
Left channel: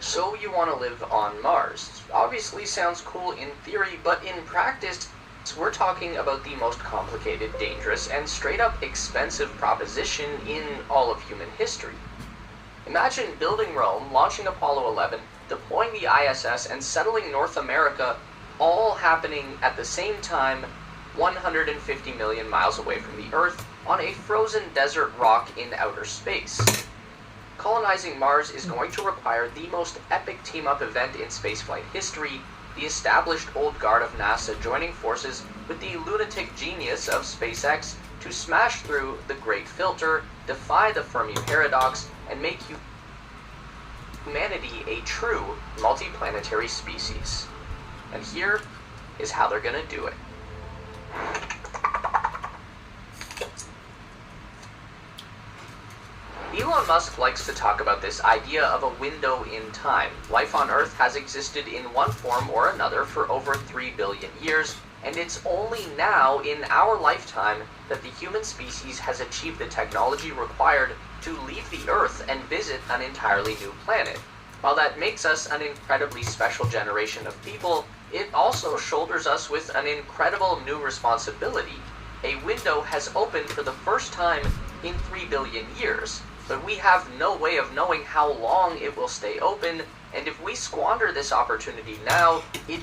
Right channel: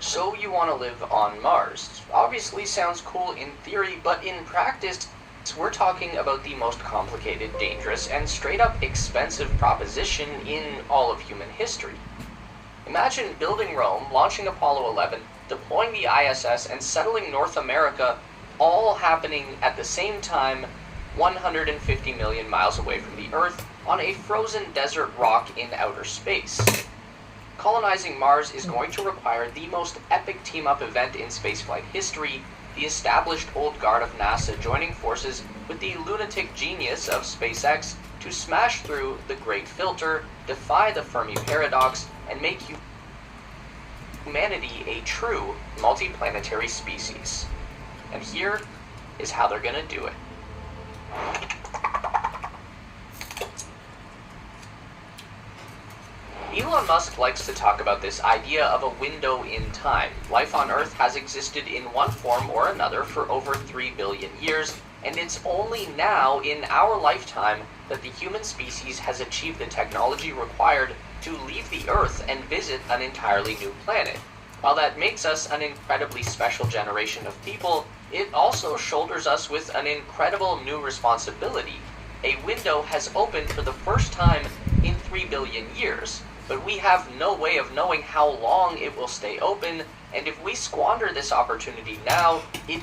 So you want to live on Mars. Obviously sounds cool in theory, but in practice, we're talking about the most complicated, dangerous, and straight up expensive proposition in all of human history. Imagine building Rome, launching Apollo 11, deploying the ISS, and settling North America, all happening at the same time 150 million miles away from the Earth on a frozen desert rock in outer space. Colonizing Mars is going to require the most epic team-up event in spaceflight history, the established old guard of NASA joining forces with the lunatic genius of SpaceX to smash through the Great Filter, defy the Fermi Paradox, and make humanity a true multiplanetary species. And here is how they're gonna do it. Elon Musk likes to talk about this idea of a window in time. Life on Earth has existed in one form or another for over 3 billion years, and it's only now in our lifetime that the human species has achieved the technology required to leave the Earth and visit an entirely new planet. While that makes us an incredibly special generation of people, it also shoulders us with an incredible new responsibility. A window has opened for the first time in 3 billion years, but we have no way of knowing how long it will stay open, and if we squander this opportunity now, it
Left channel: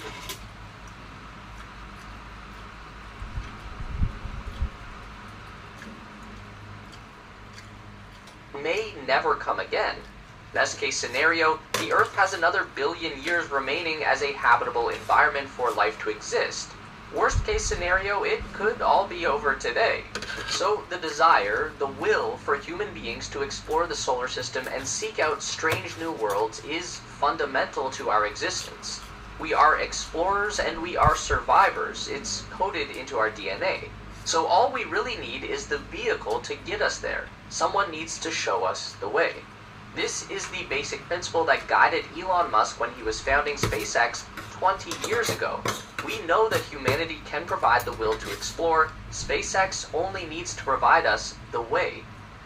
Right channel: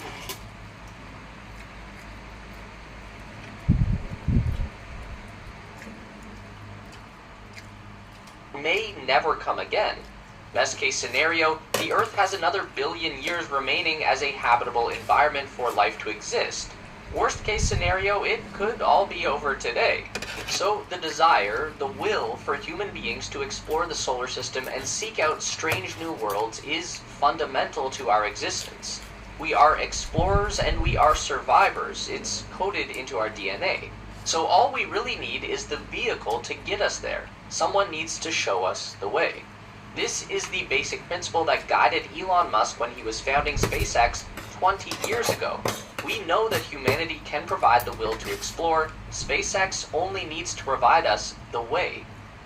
may never come again. Best case scenario, the Earth has another billion years remaining as a habitable environment for life to exist. Worst case scenario, it could all be over today. So the desire, the will for human beings to explore the solar system and seek out strange new worlds is fundamental to our existence. We are explorers and we are survivors. It's coded into our DNA. So all we really need is the vehicle to get us there. Someone needs to show us the way. This is the basic principle that guided Elon Musk when he was founding SpaceX 20 years ago. We know that humanity can provide the will to explore. SpaceX only needs to provide us the way.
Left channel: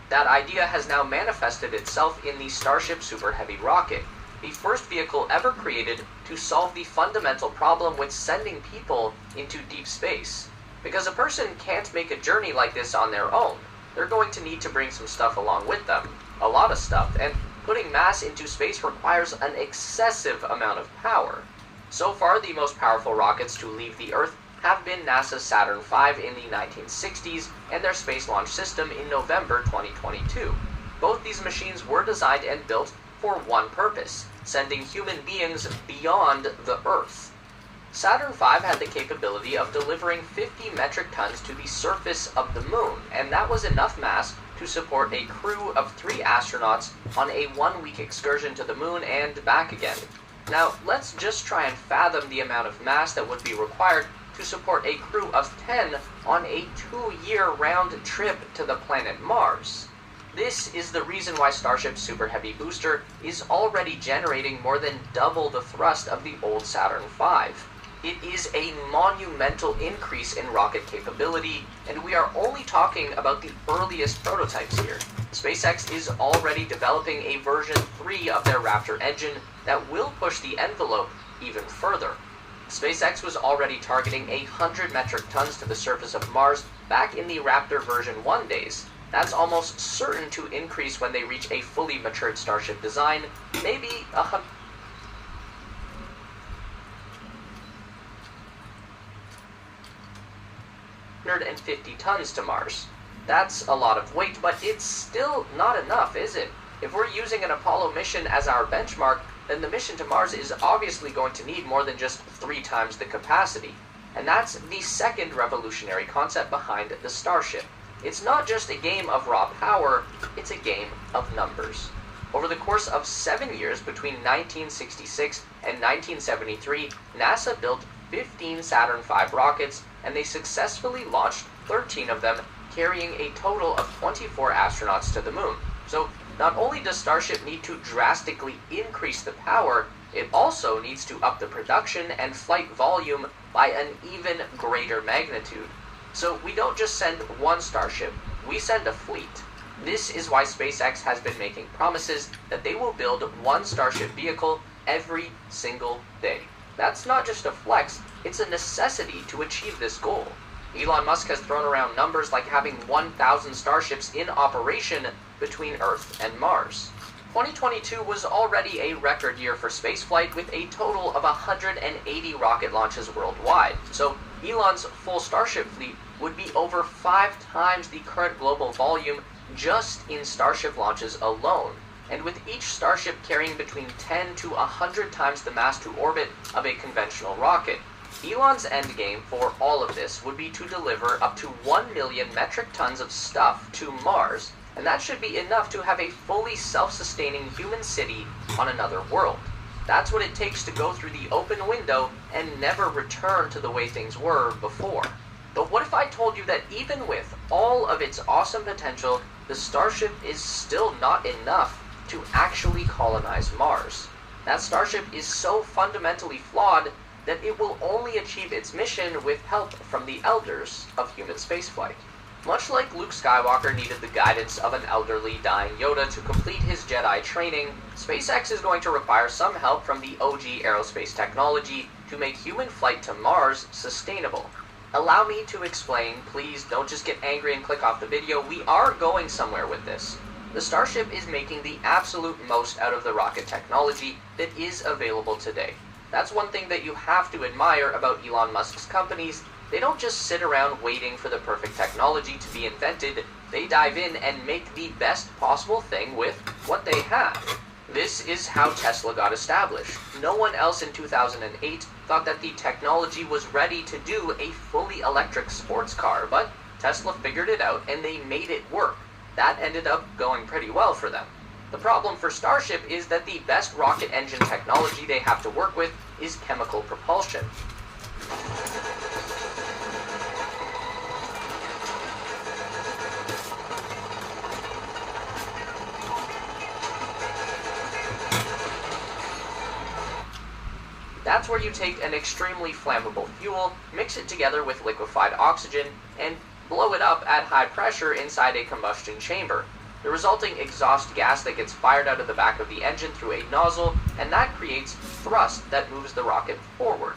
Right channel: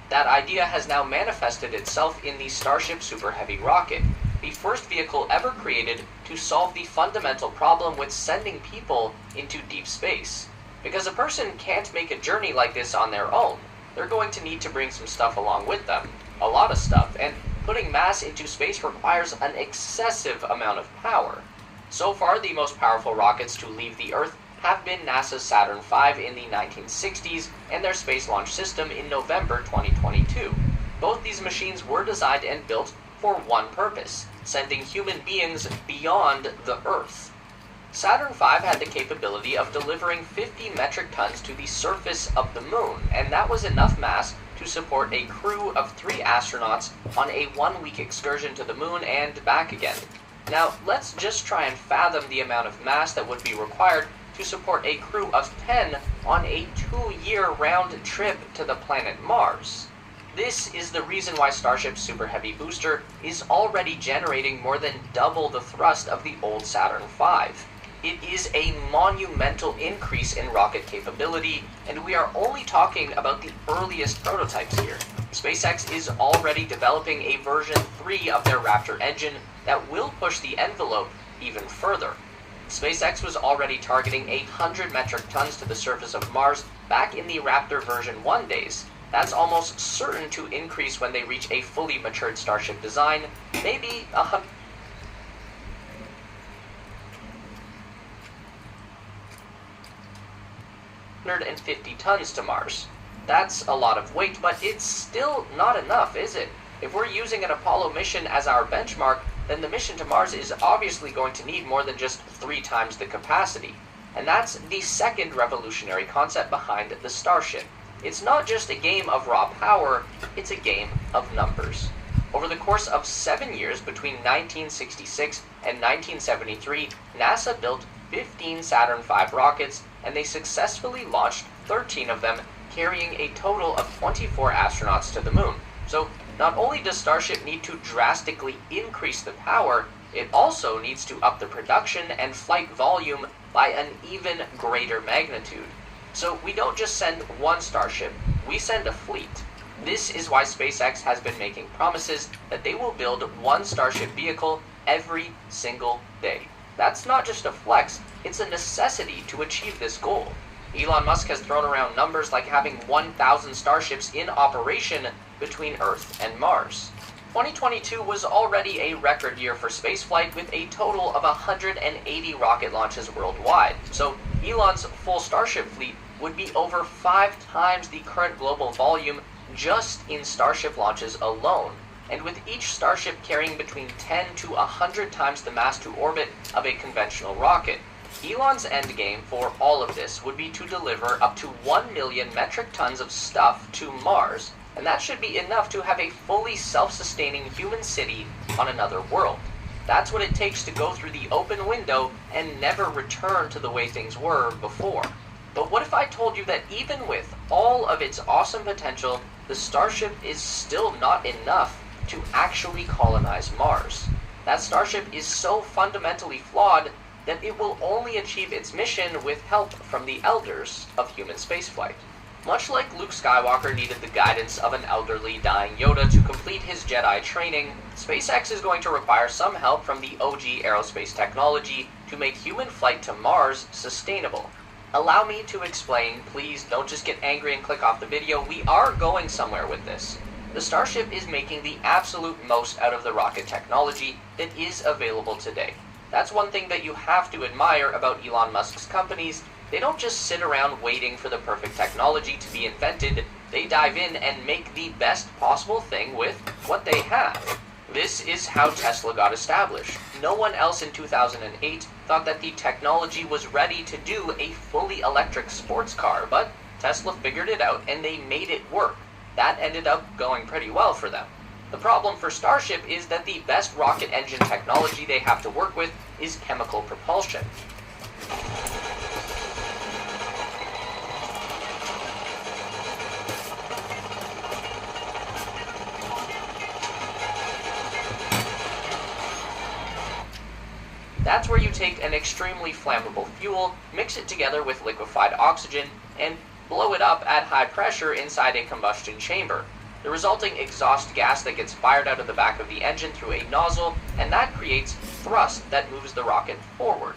That idea has now manifested itself in the Starship Super Heavy rocket, the first vehicle ever created to solve the fundamental problem with sending people into deep space. Because a person can't make a journey like this on their own. They're going to need to bring some stuff along with them. A lot of stuff, and putting mass into space requires an excessive amount of power. So far, the most powerful rockets to leave the Earth have been NASA's Saturn V in the 1960s and their Space Launch System in November 2022. Both these machines were designed and built for one purpose: sending human beings beyond the Earth. Saturn V had the capability of delivering 50 metric tons to the surface of the moon, and that was enough mass to support a crew of 3 astronauts on a 1-week excursion to the moon and back again. Now, let's just try and fathom the amount of mass that would be required to support a crew of 10 on a 2-year round trip to the planet Mars. This is the reason why Starship's Super Heavy booster is already generating more than double the thrust of the old Saturn V. It is a monumental increase in rocket capability, and we are only talking about the earliest prototypes here. SpaceX is already developing a version 3 of their Raptor engine that will push the envelope even further. SpaceX was already targeting 100 metric tons to the surface of Mars back in the Raptor version 1 days. That's almost certain to increase when they reach a fully matured Starship design, maybe 150 tons to Mars. That's a lot of weight, but it's still not enough, is it? If we're using an Apollo mission as our benchmark, then the mission to Mars is obviously going to need more than just 3 times the capacity. And that's the second revolutionary concept behind the Starship. It's not just a game of raw power, it's a game of numbers. Over the course of 7 years between 1966 and 1973, NASA built 15 Saturn V rockets, and they successfully launched 13 of them, carrying a total of 24 astronauts to the moon. So not only does Starship need to drastically increase the power, it also needs to up the production and flight volume by an even greater magnitude. So we don't just send one Starship, we send a fleet. This is why SpaceX has been making promises that they will build one Starship vehicle every single day. That's not just a flex, it's a necessity to achieve this goal. Elon Musk has thrown around numbers like having 1,000 Starships in operation between Earth and Mars. 2022 was already a record year for spaceflight with a total of 180 rocket launches worldwide. So Elon's full Starship fleet would be over 5 times the current global volume just in Starship launches alone. And with each Starship carrying between 10 to 100 times the mass to orbit of a conventional rocket. Elon's endgame for all of this would be to deliver up to 1 million metric tons of stuff to Mars, and that should be enough to have a fully self-sustaining human city on another world. That's what it takes to go through the open window and never return to the way things were before. But what if I told you that even with all of its awesome potential, the Starship is still not enough to actually colonize Mars? That Starship is so fundamentally flawed that it will only achieve its mission with help from the elders of human spaceflight. Much like Luke Skywalker needed the guidance of an elderly dying Yoda to complete his Jedi training, SpaceX is going to require some help from the OG aerospace technology to make human flight to Mars sustainable. Allow me to explain, please don't just get angry and click off the video, we are going somewhere with this. The Starship is making the absolute most out of the rocket technology that is available today. That's one thing that you have to admire about Elon Musk's companies. They don't just sit around waiting for the perfect technology to be invented, they dive in and make the best possible thing with what they have. This is how Tesla got established. No one else in 2008 thought that the technology was ready to do a fully electric sports car, but Tesla figured it out and they made it work. That ended up going pretty well for them. The problem for Starship is that the best rocket engine technology they have to work with is chemical propulsion. That's where you take an extremely flammable fuel, mix it together with liquefied oxygen, and blow it up at high pressure inside a combustion chamber. The resulting exhaust gas that gets fired out of the back of the engine through a nozzle, and that creates thrust that moves the rocket forward.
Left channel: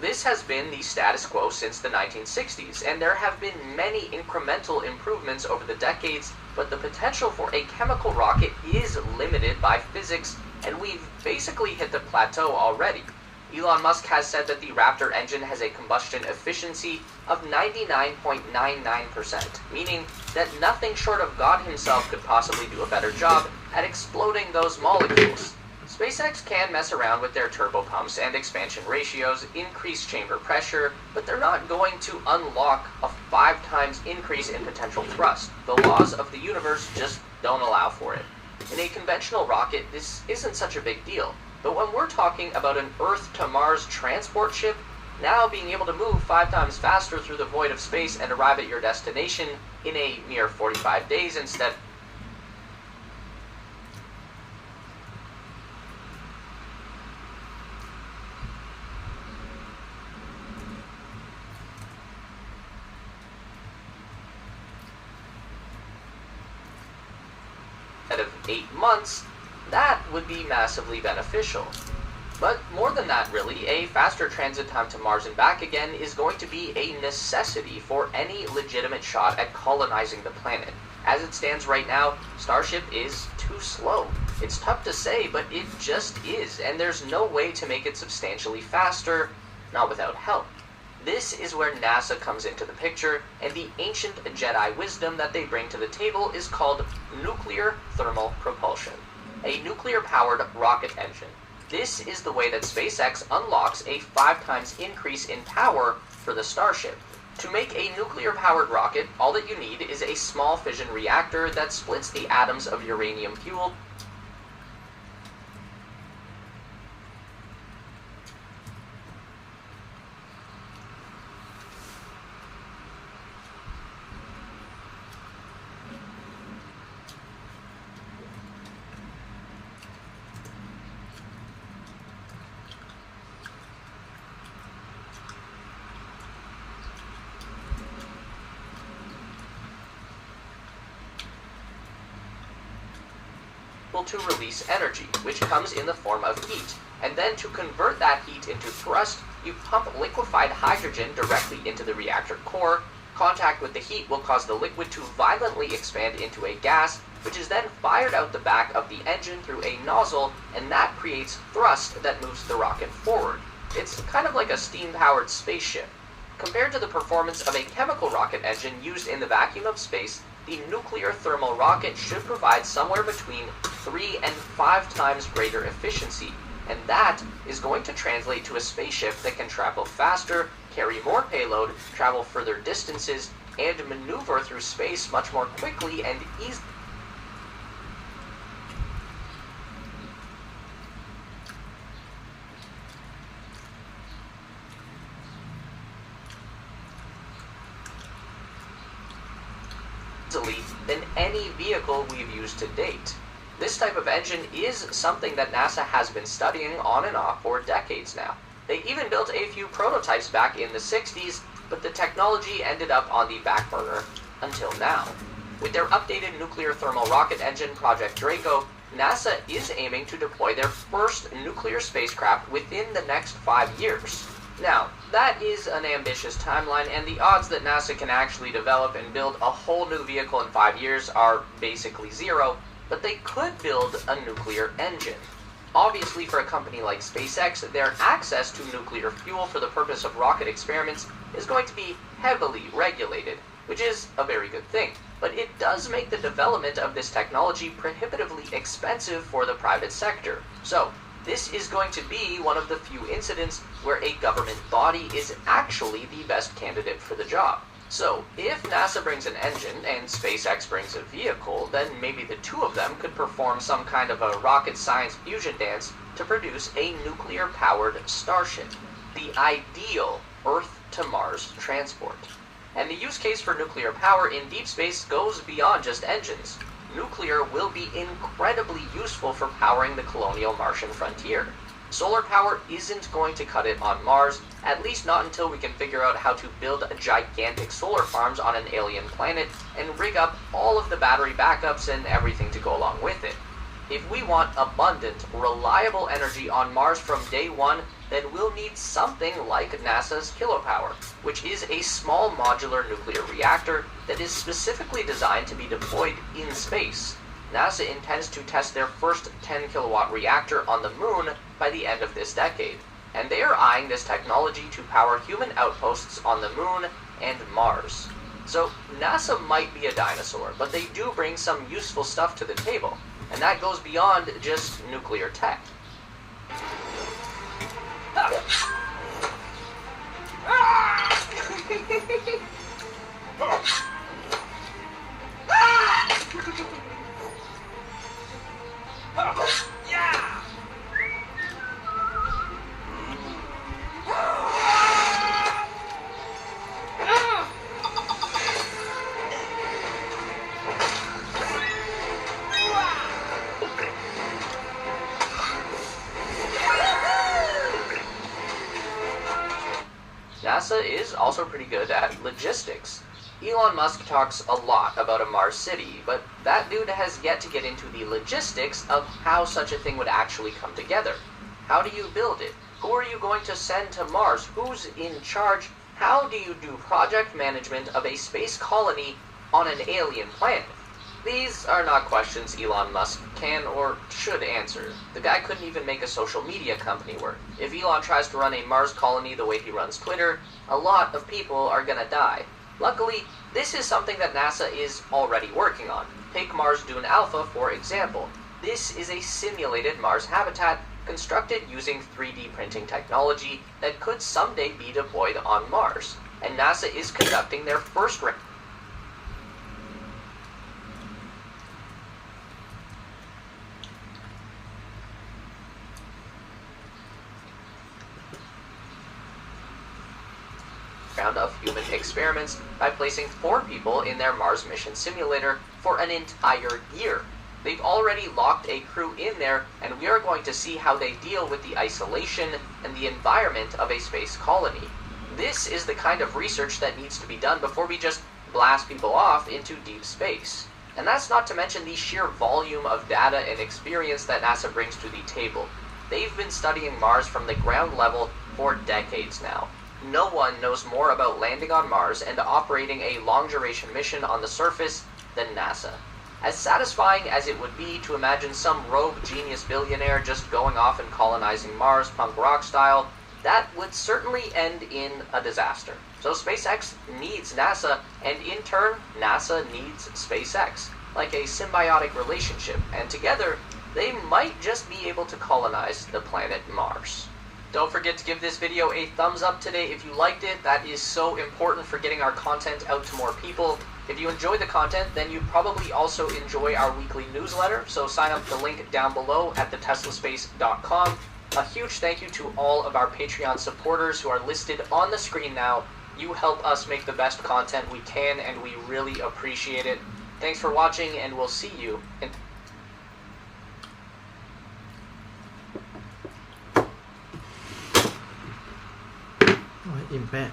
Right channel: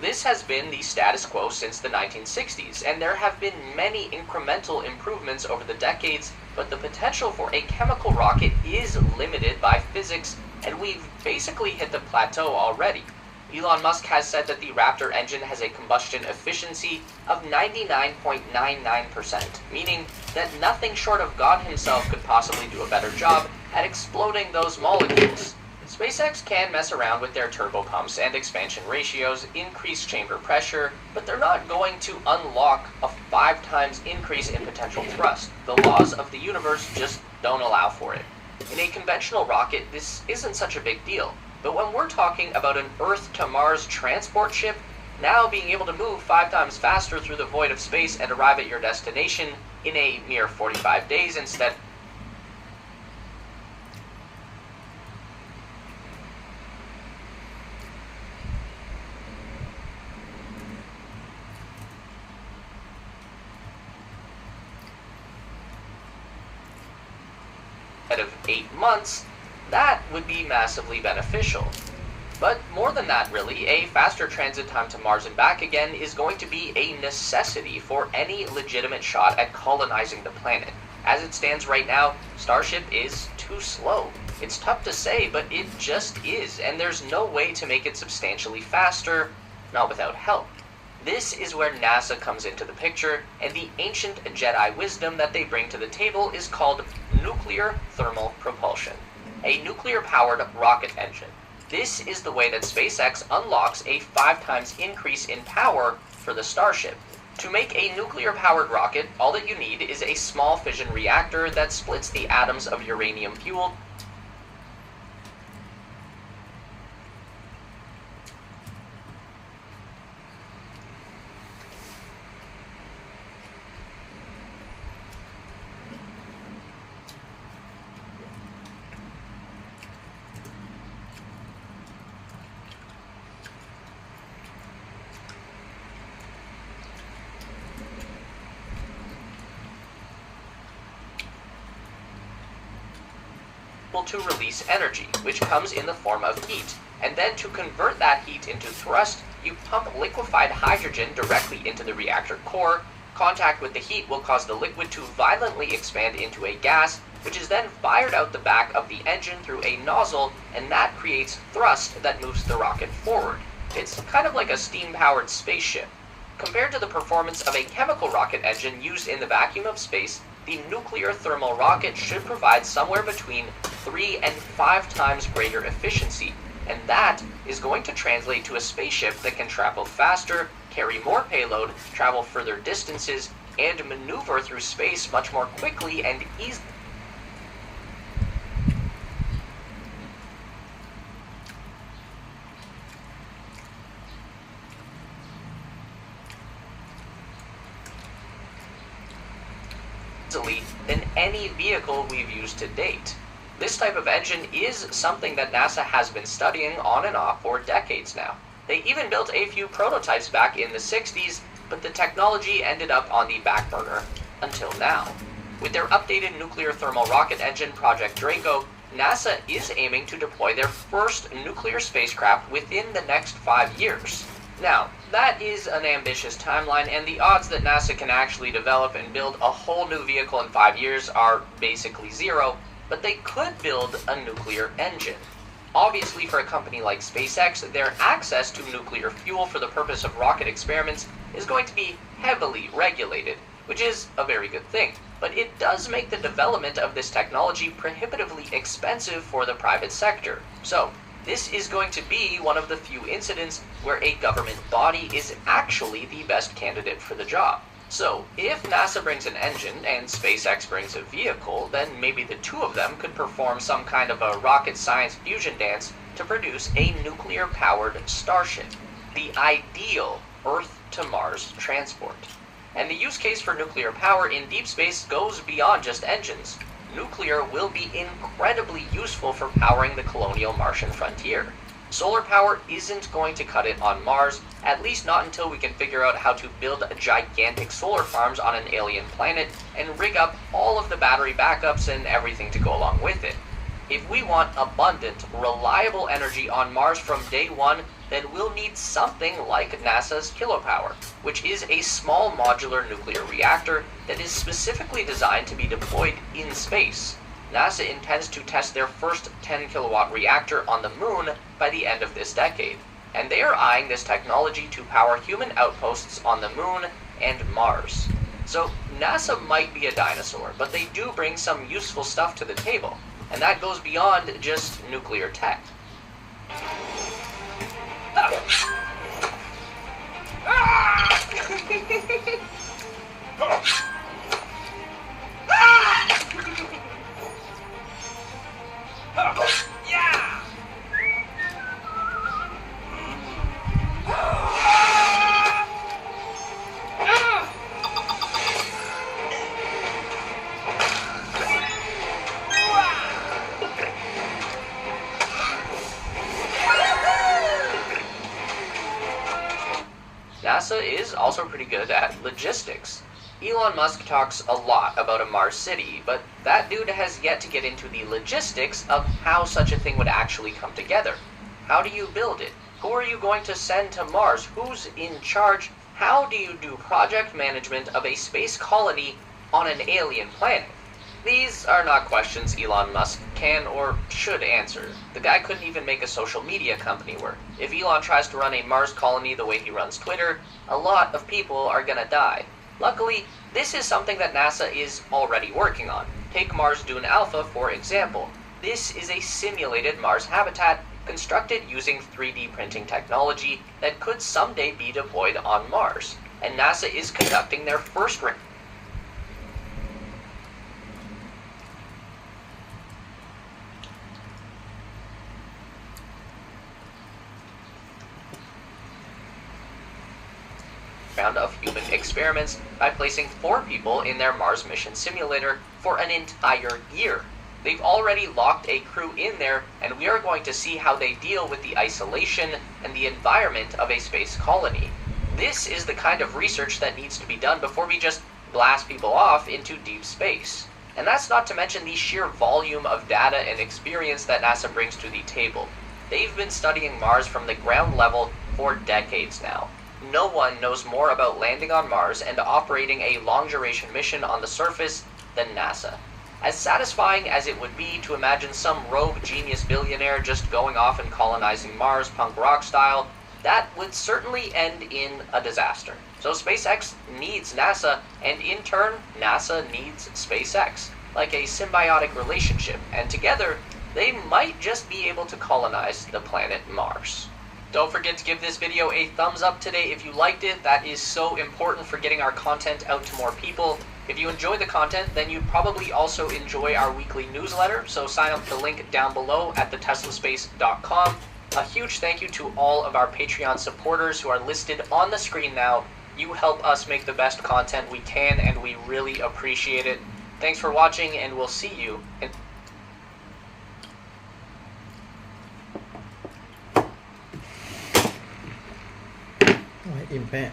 This has been the status quo since the 1960s, and there have been many incremental improvements over the decades, but the potential for a chemical rocket is limited by physics, and we've basically hit the plateau already. Elon Musk has said that the Raptor engine has a combustion efficiency of 99.99%, meaning that nothing short of God himself could possibly do a better job at exploding those molecules. SpaceX can mess around with their turbo pumps and expansion ratios, increase chamber pressure, but they're not going to unlock a 5 times increase in potential thrust. The laws of the universe just don't allow for it. In a conventional rocket, this isn't such a big deal. But when we're talking about an Earth-to-Mars transport ship, now being able to move 5 times faster through the void of space and arrive at your destination in a mere 45 days instead of 8 months, that would be massively beneficial. But more than that really, a faster transit time to Mars and back again is going to be a necessity for any legitimate shot at colonizing the planet. As it stands right now, Starship is too slow. It's tough to say, but it just is, and there's no way to make it substantially faster, not without help. This is where NASA comes into the picture, and the ancient Jedi wisdom that they bring to the table is called nuclear thermal propulsion. A nuclear-powered rocket engine. This is the way that SpaceX unlocks a 5 times increase in power for the Starship. To make a nuclear-powered rocket, all that you need is a small fission reactor that splits the atoms of uranium fuel to release energy, which comes in the form of heat. And then to convert that heat into thrust, you pump liquefied hydrogen directly into the reactor core. Contact with the heat will cause the liquid to violently expand into a gas, which is then fired out the back of the engine through a nozzle, and that creates thrust that moves the rocket forward. It's kind of like a steam-powered spaceship. Compared to the performance of a chemical rocket engine used in the vacuum of space, the nuclear thermal rocket should provide somewhere between 3 and 5 times greater efficiency, and that is going to translate to a spaceship that can travel faster, carry more payload, travel further distances, and maneuver through space much more quickly and easily. Than any vehicle we've used to date. This type of engine is something that NASA has been studying on and off for decades now. They even built a few prototypes back in the 60s, but the technology ended up on the back burner until now. With their updated nuclear thermal rocket engine, Project Draco, NASA is aiming to deploy their first nuclear spacecraft within the next 5 years. Now, that is an ambitious timeline, and the odds that NASA can actually develop and build a whole new vehicle in 5 years are basically zero, but they could build a nuclear engine. Obviously, for a company like SpaceX, their access to nuclear fuel for the purpose of rocket experiments is going to be heavily regulated, which is a very good thing. But it does make the development of this technology prohibitively expensive for the private sector. So, this is going to be one of the few incidents where a government body is actually the best candidate for the job. So, if NASA brings an engine and SpaceX brings a vehicle, then maybe the two of them could perform some kind of a rocket science fusion dance to produce a nuclear-powered starship, the ideal Earth-to-Mars transport. And the use case for nuclear power in deep space goes beyond just engines. Nuclear will be incredibly useful for powering the colonial Martian frontier. Solar power isn't going to cut it on Mars, at least not until we can figure out how to build gigantic solar farms on an alien planet and rig up all of the battery backups and everything to go along with it. If we want abundant, reliable energy on Mars from day one, then we'll need something like NASA's kilopower, which is a small modular nuclear reactor that is specifically designed to be deployed in space. NASA intends to test their first 10-kilowatt reactor on the moon by the end of this decade, and they are eyeing this technology to power human outposts on the moon and Mars. So NASA might be a dinosaur, but they do bring some useful stuff to the table, and that goes beyond just nuclear tech. NASA is also pretty good at logistics. Elon Musk talks a lot about a Mars city, but that dude has yet to get into the logistics of how such a thing would actually come together. How do you build it? Who are you going to send to Mars? Who's in charge? How do you do project management of a space colony on an alien planet? These are not questions Elon Musk can or should answer. The guy couldn't even make a social media company work. If Elon tries to run a Mars colony the way he runs Twitter, a lot of people are gonna die. Luckily, this is something that NASA is already working on. Take Mars Dune Alpha, for example. This is a simulated Mars habitat constructed using 3D printing technology that could someday be deployed on Mars. And NASA is conducting their first round of human experiments by placing 4 people in their Mars mission simulator for an entire year. They've already locked a crew in there, and we are going to see how they deal with the isolation and the environment of a space colony. This is the kind of research that needs to be done before we just blast people off into deep space. And that's not to mention the sheer volume of data and experience that NASA brings to the table. They've been studying Mars from the ground level for decades now. No one knows more about landing on Mars and operating a long-duration mission on the surface than NASA. As satisfying as it would be to imagine some rogue genius billionaire just going off and colonizing Mars punk rock style, that would certainly end in a disaster. So SpaceX needs NASA, and in turn, NASA needs SpaceX, like a symbiotic relationship, and together, they might just be able to colonize the planet Mars. Don't forget to give this video a thumbs up today if you liked it. That is so important for getting our content out to more people. If you enjoy the content, then you probably also enjoy our weekly newsletter, so sign up the link down below at theteslaspace.com. A huge thank you to all of our Patreon supporters who are listed on the screen now. You help us make the best content we can, and we really appreciate it. Thanks for watching, and we'll see you in อิ่มแปะ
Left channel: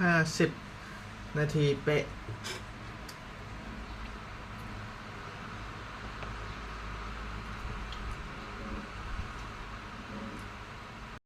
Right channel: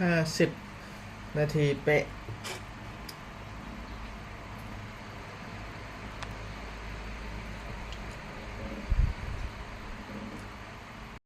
50 นาทีเป๊ะ